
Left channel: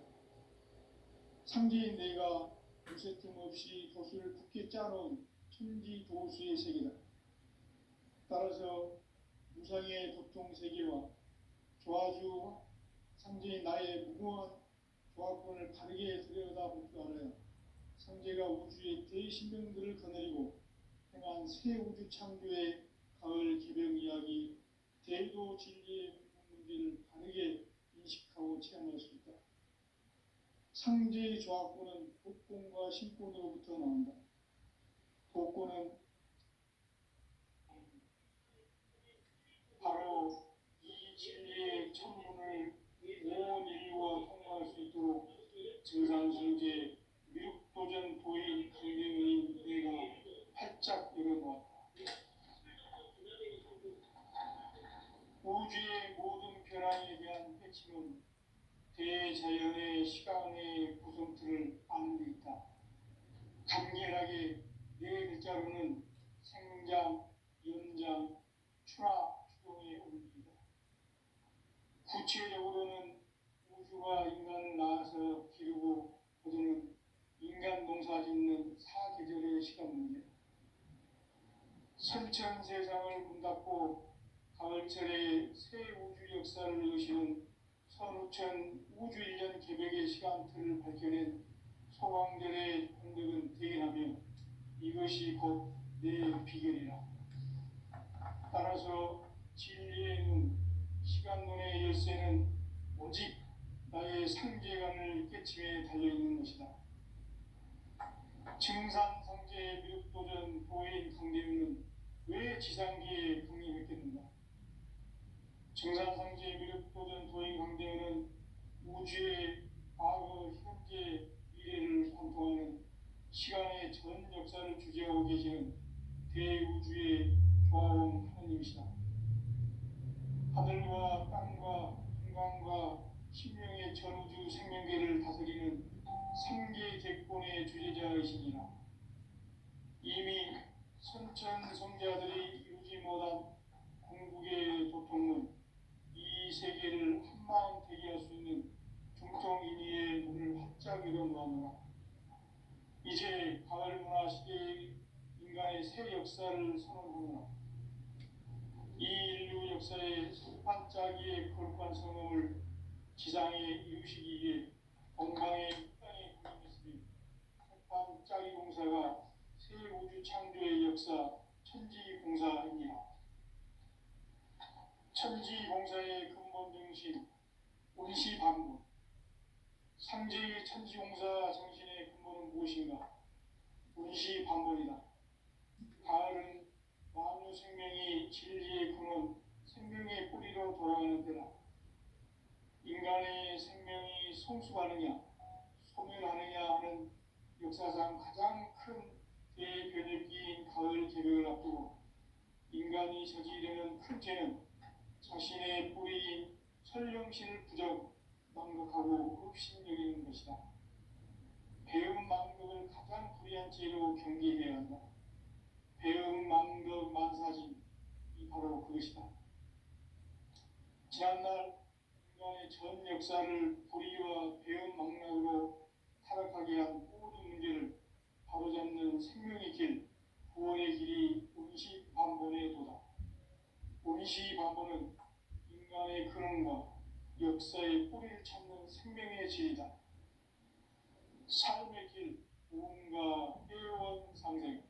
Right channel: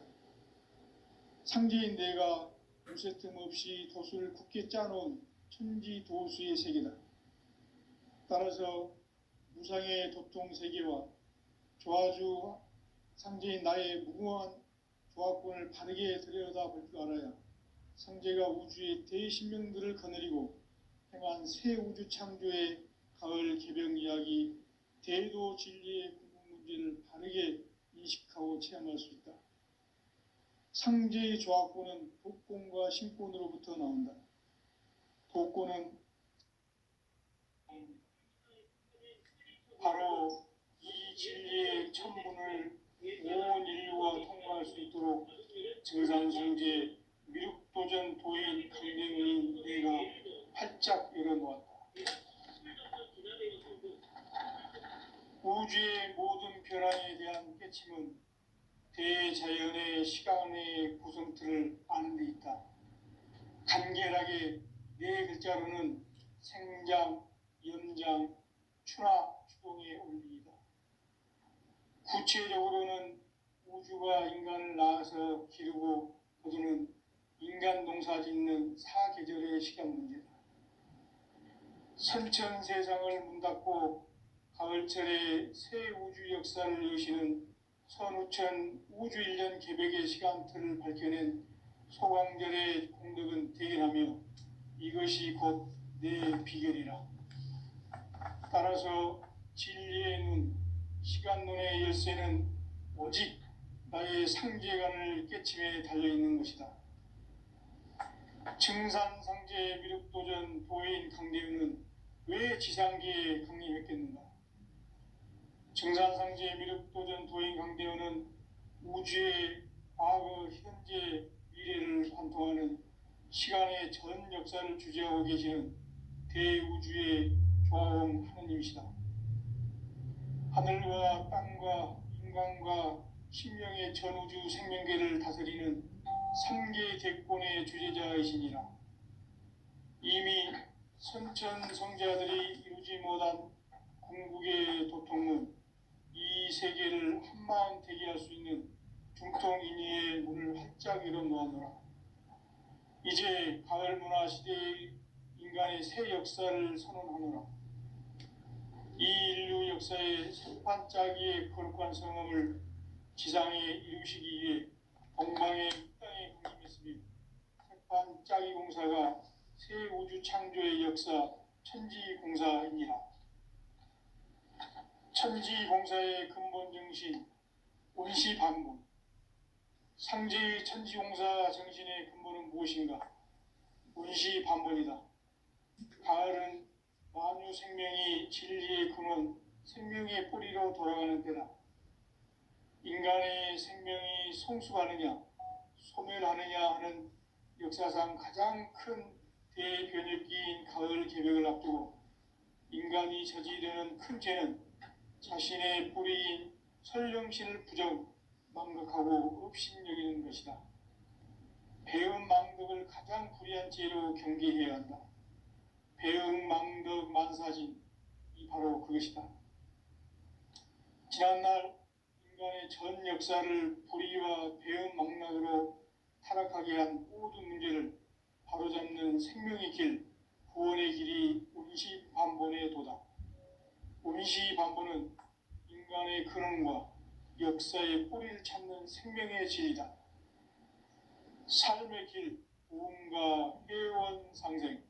상제인 내가 무쇠틈 없이 돛을 굳게 짜놓은 천지도수의 세계다. 따라서 무상의 도통 세계와 조화주 상제인 나의 무궁한 조화권을 바르게 들여다볼 줄 알아야 상제가 우주의 대신명들을 거느리고 행한 새 우주 창조의 가을 개병 이야기, 대도 진리의 근본 문제를 바르게 인식하고 체험할 수 있다. 상제의 조화권은 독권과 신권으로부터 나온다. 독권은 바로 이 진리의 천문을 온 인류가 통과할 수 있도록 증산성제 미륵도전 도인 강대문인 내가 활짝 열어놓았다. 우주의 모든 변화에 대한 깨침은 대자연의 시간의 구성틀을 아는 데 있다. 간결하게 네 글자로는 생장, 연장, 추나 추동의 원리이다. 구체적으로는 우주가 인간을 낳아서 기르고 거두는 인간 농사 짓는 사계절의 시간 문제다. 선천 세상을 문닫고 가을철에 새 우주 역사를 여시는 선우천 우주 1년 개백의 시간틀을 밝혀낸 소광절의 공덕은 대견하며 이것이 곧 내 비결이라. 따라서 진리의 눈, 시간론의 열쇠는 오직 나의 상제관을 깨침에 달려있는 것이다. 증산상제 미륵도전 도인 강대윤은 왜 지상계에 강림했겠는가? 증산상제 미륵도전 도인 강대윤은 우주의 과거, 현재, 미래를 관통하는 시간의 전 역사를 주재하고 계시는 대우주의 조화원 하느님이시다. 하늘과 땅과 인간과 신명의 전우주 생명계를 다스리는 3계 대권의 주제자이시니라. 이미 선천성자들이 이루지 못한 궁극의 도통은 이 세계를 한마음 되게 할 수 있는 중통인의의 문을 활짝 열어놓았노라. 이제 가을 문화 시대의 인간의 새 역사를 선언하노라. 이 인류 역사의 새반짝이의 거룩한 성험을 지상에 이루시기 위해 동방의 땅에 강림했으며 새반짝이 공사가 새 우주 창조의 역사 천지공사입니다. 천지공사의 근본 정신 원시반본. 상제의 천지공사 정신의 근본은 무엇인가? 원시반본이다. 가을은 만유 생명이 진리의 근원, 생명의 뿌리로 돌아가는 때다. 인간의 생명이 성숙하느냐, 소멸하느냐 하는 역사상 가장 큰 대변혁기인 가을 개벽을 앞두고 인간이 저지르는 큰 죄는 자신의 뿌리인 설령신을 부정, 망각하고 업신여기는 것이다. 배은 망덕을 가장 불의한 죄로 경계해야 한다. 배은 망덕 만사진, 이 바로 그것이다. 지난날 인간의 전 역사를 불의와 배은 망락으로 타락하게 한 모든 문제를 바로잡는 생명의 길, 구원의 길이 원시반본의 도다. 원시반본은 인간의 근원과 역사의 뿌리를 찾는 생명의 질이다. 삶의 길, 구원과 회원 상생.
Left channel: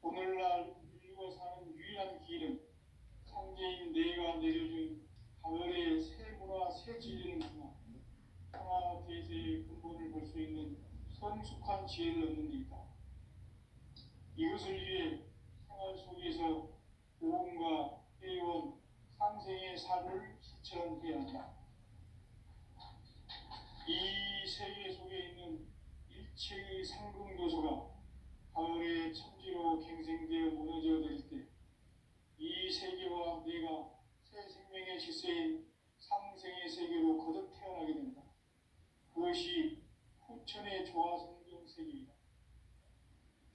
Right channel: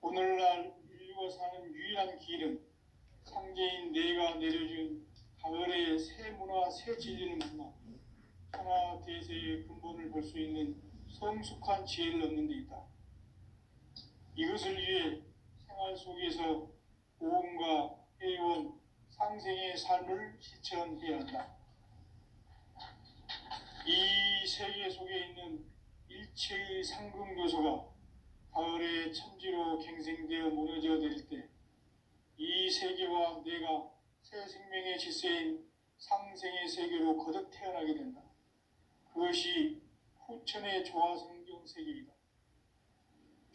오늘날 인류가 사는 유일한 길은 상제인 내가 내려준 가을의 새 문화, 새 진리는 문화, 천하 대세의 근본을 볼 수 있는 성숙한 지혜를 얻는 데 있다. 이것을 위해 생활 속에서 보험과 회원, 상생의 삶을 실천해야 한다. 이 세계 속에 있는 일체의 상금 요소가 가을의 천지로 갱생되어 무너져 내릴 때 이 세계와 내가 새 생명의 질서인 상생의 세계로 거듭 태어나게 된다. 그것이 후천의 조화성경 세계이다.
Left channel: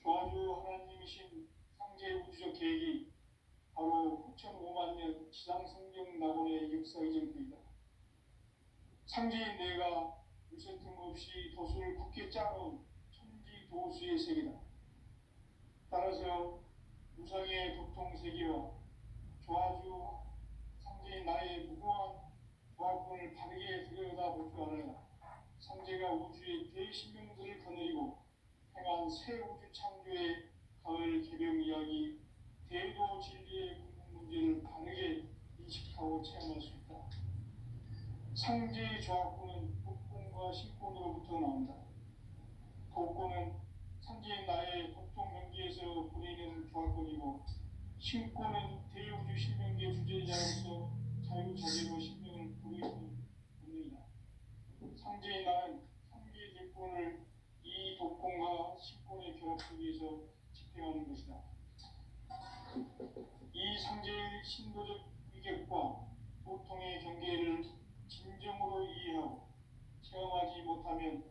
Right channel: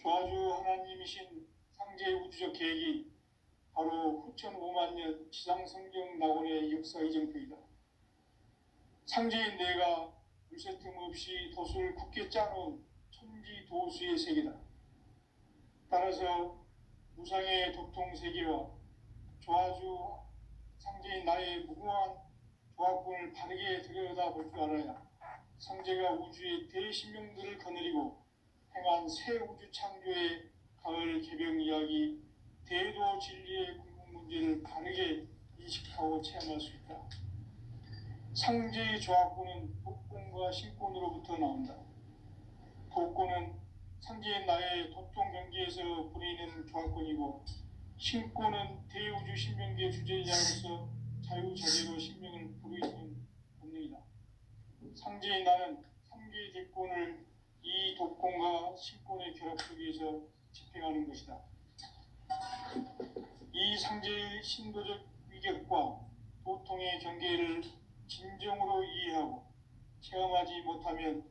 조화주 하나님이신 상제의 우주적 계획이 바로 후천 5만 년 지상성경 낙원의 역사 이정표이다. 상제인 내가 물새틈 없이 돛을 굳게 짜놓은 천지 도수의 세계다. 따라서 무상의 도통 세계와 조화주 상제인 나의 무궁한 조화권을 바르게 들여다볼 줄 알아야 상제가 우주의 대신명들을 거느리고 행한 새 우주 창조의 가을 개병 이야기, 대도 진리의 궁극 문제를 바르게 인식하고 체험할 수 있다. 상제의 조화권은 독권과 신권으로부터 나온다. 독권은 상제인 나의 도통 경계에서 부리는 조화권이고, 신권은 대우주 신명계 주제자로서 자유자재로 신명을 부르이는 본능이다. 상제인 나는 3개의 대권을 이 독권과 신권의 결합 속에서 집행하는 것이다. 이 상제의 신도적 위격과 도통의 경계를 진정으로 이해하고 체험하지 못하면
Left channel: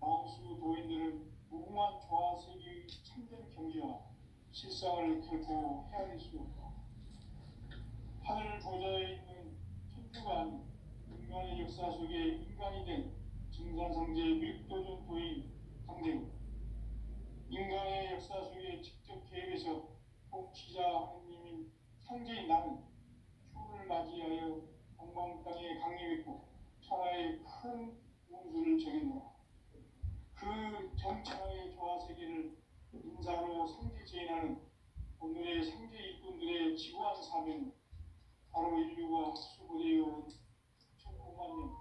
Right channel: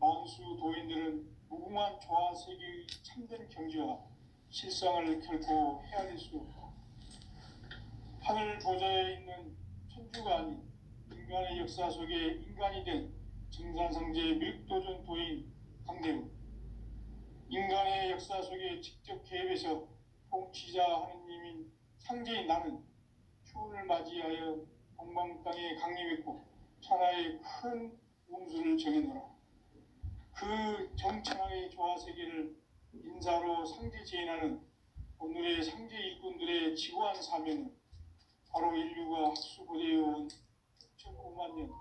만수 도인들은 무궁한 조화 세계의 참된 경지와 실상을 결코 헤아릴 수 없다. 하늘 보좌에 있는 천주가 아닌 인간의 역사 속에 인간이 된 증산성제의 밀도전 도인 강대우, 인간의 역사 속에 직접 개입해서 통치자 하느님인 상제인 나는 추운을 맞이하여 동방 땅에 강림했고 천하의 큰 운수를 정해놓아. 그 정천하의 조화 세계를 인사로 상제 제인하는 오늘의 상제 일꾼들의 지고한 사명은 바로 인류가 학수고대해온 6,5만 년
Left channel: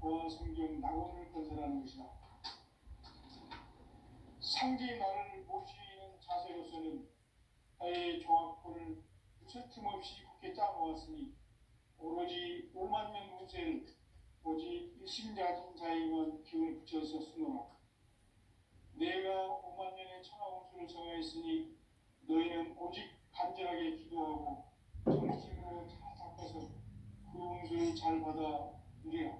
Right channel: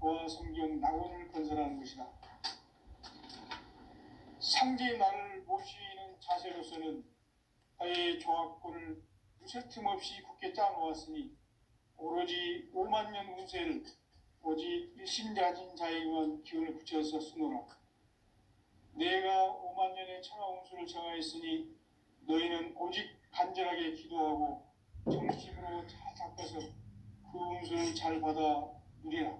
조화 성경 낙원을 건설하는 것이다. 상제의 나를 모시는 자세로서는 나의 조화권을 무쇠틈 없이 굳게 짜놓았으니 오로지 5만 년 운세를 오직 일심자진 자에게만 기운을 붙여서 쓰노라. 내가 5만 년의 천하 운수를 정하였으니 너희는 오직 간절하게 기도하고 정심으로 잘 닦아서 그 운수를 잘 받아 누리라.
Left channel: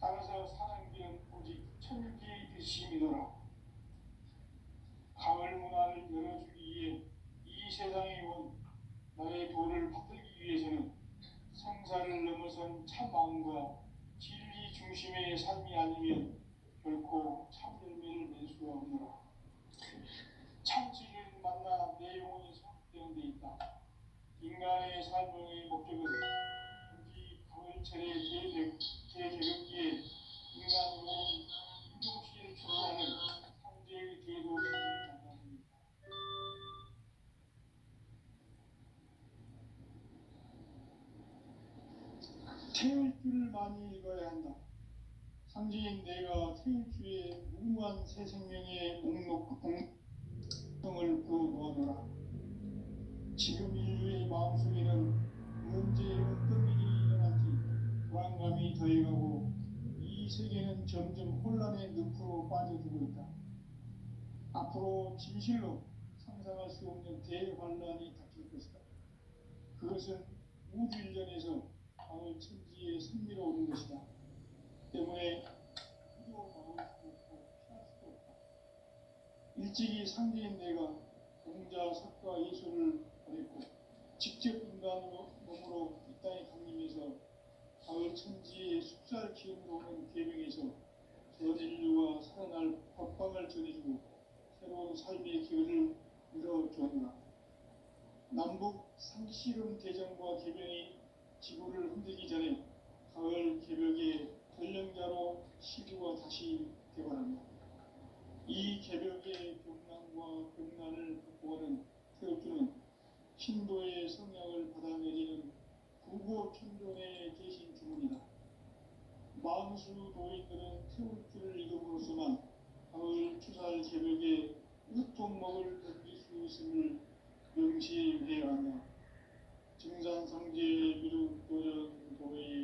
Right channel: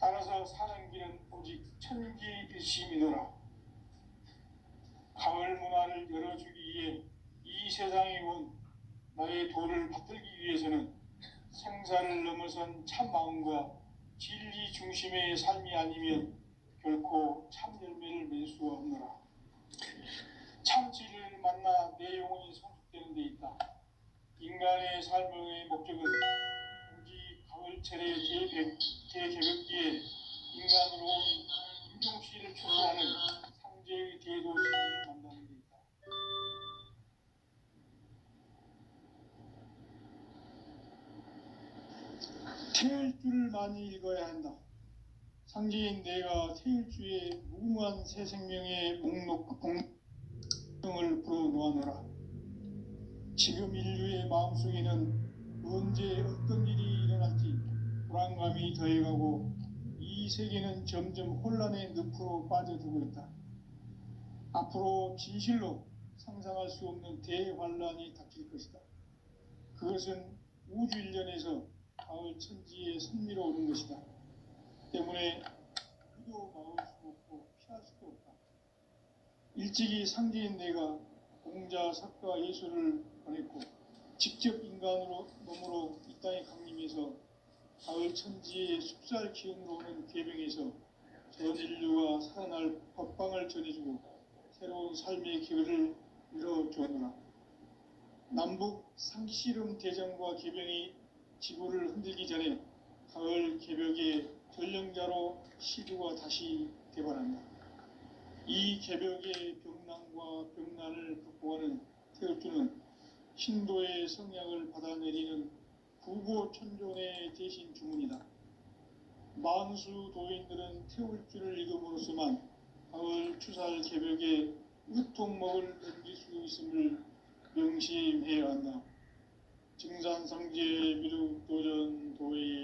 따라서 사는 길은 오직 천지일심이노라. 가을 문화를 열어주기 위해 이 세상에 온 나의 도를 받들기 위해서는 생사를 넘어선 참 마음과 진리 중심의 삶이 아니면 결코 참 열매를 맺을 수 없노라. 참 진리를 만나 내 영혼이 성숙되는 데 있다. 인간의 삶의 목적은 오직 가을철의 대개벽기에 인간으로 온 인종씨를 추구하는 상제의 대도시를 만나는 데 있다. 태일 줄을 많이 읽어야 한다. 상제인 내가 태일주의 무궁한 새 생명의 목록을 풀어놓아노라. 지금 인류의 마음속에는 언제 어떤 일이 일어날지 불안감이 더해가고 이 세계는 점점 혼란의 늪으로 빠져들고 있다. 앞으로 진실로 상상할 수 없는 대환란이 닥칠 것이다. 그것은 우주 일련에서 가을 천지에 선미로 오는 것이다. 때문에 그도 막을 수 없고 피할 수도 없다. 일찍이 상제인 내가 공자, 석가, 예수를 보냈고 직접 인간으로 몸으로 이 땅에 강림해서 가을 천지의 숲살 기운으로 오는 계명에서 전 인류가 살아날 법방을 전해주고 새로운 삶의 기회를 열어주었노라. 남북 상씨름 대전과 계병이 지구를 흔들기 전에 가을 개벽의 전령자로 시주가 다시 개발한다. 이 개벽의 병난과 병난을 극복하는 태울주는 신도의 성향을 받아내리는 구고천존의 대신 주문이다. 만수 도인들은 태울주를 읽음으로써만 가을 추살 개벽에 으통먹을 던질 수 있음을 명심해 왔나. 증산상제 미륵 도전 도의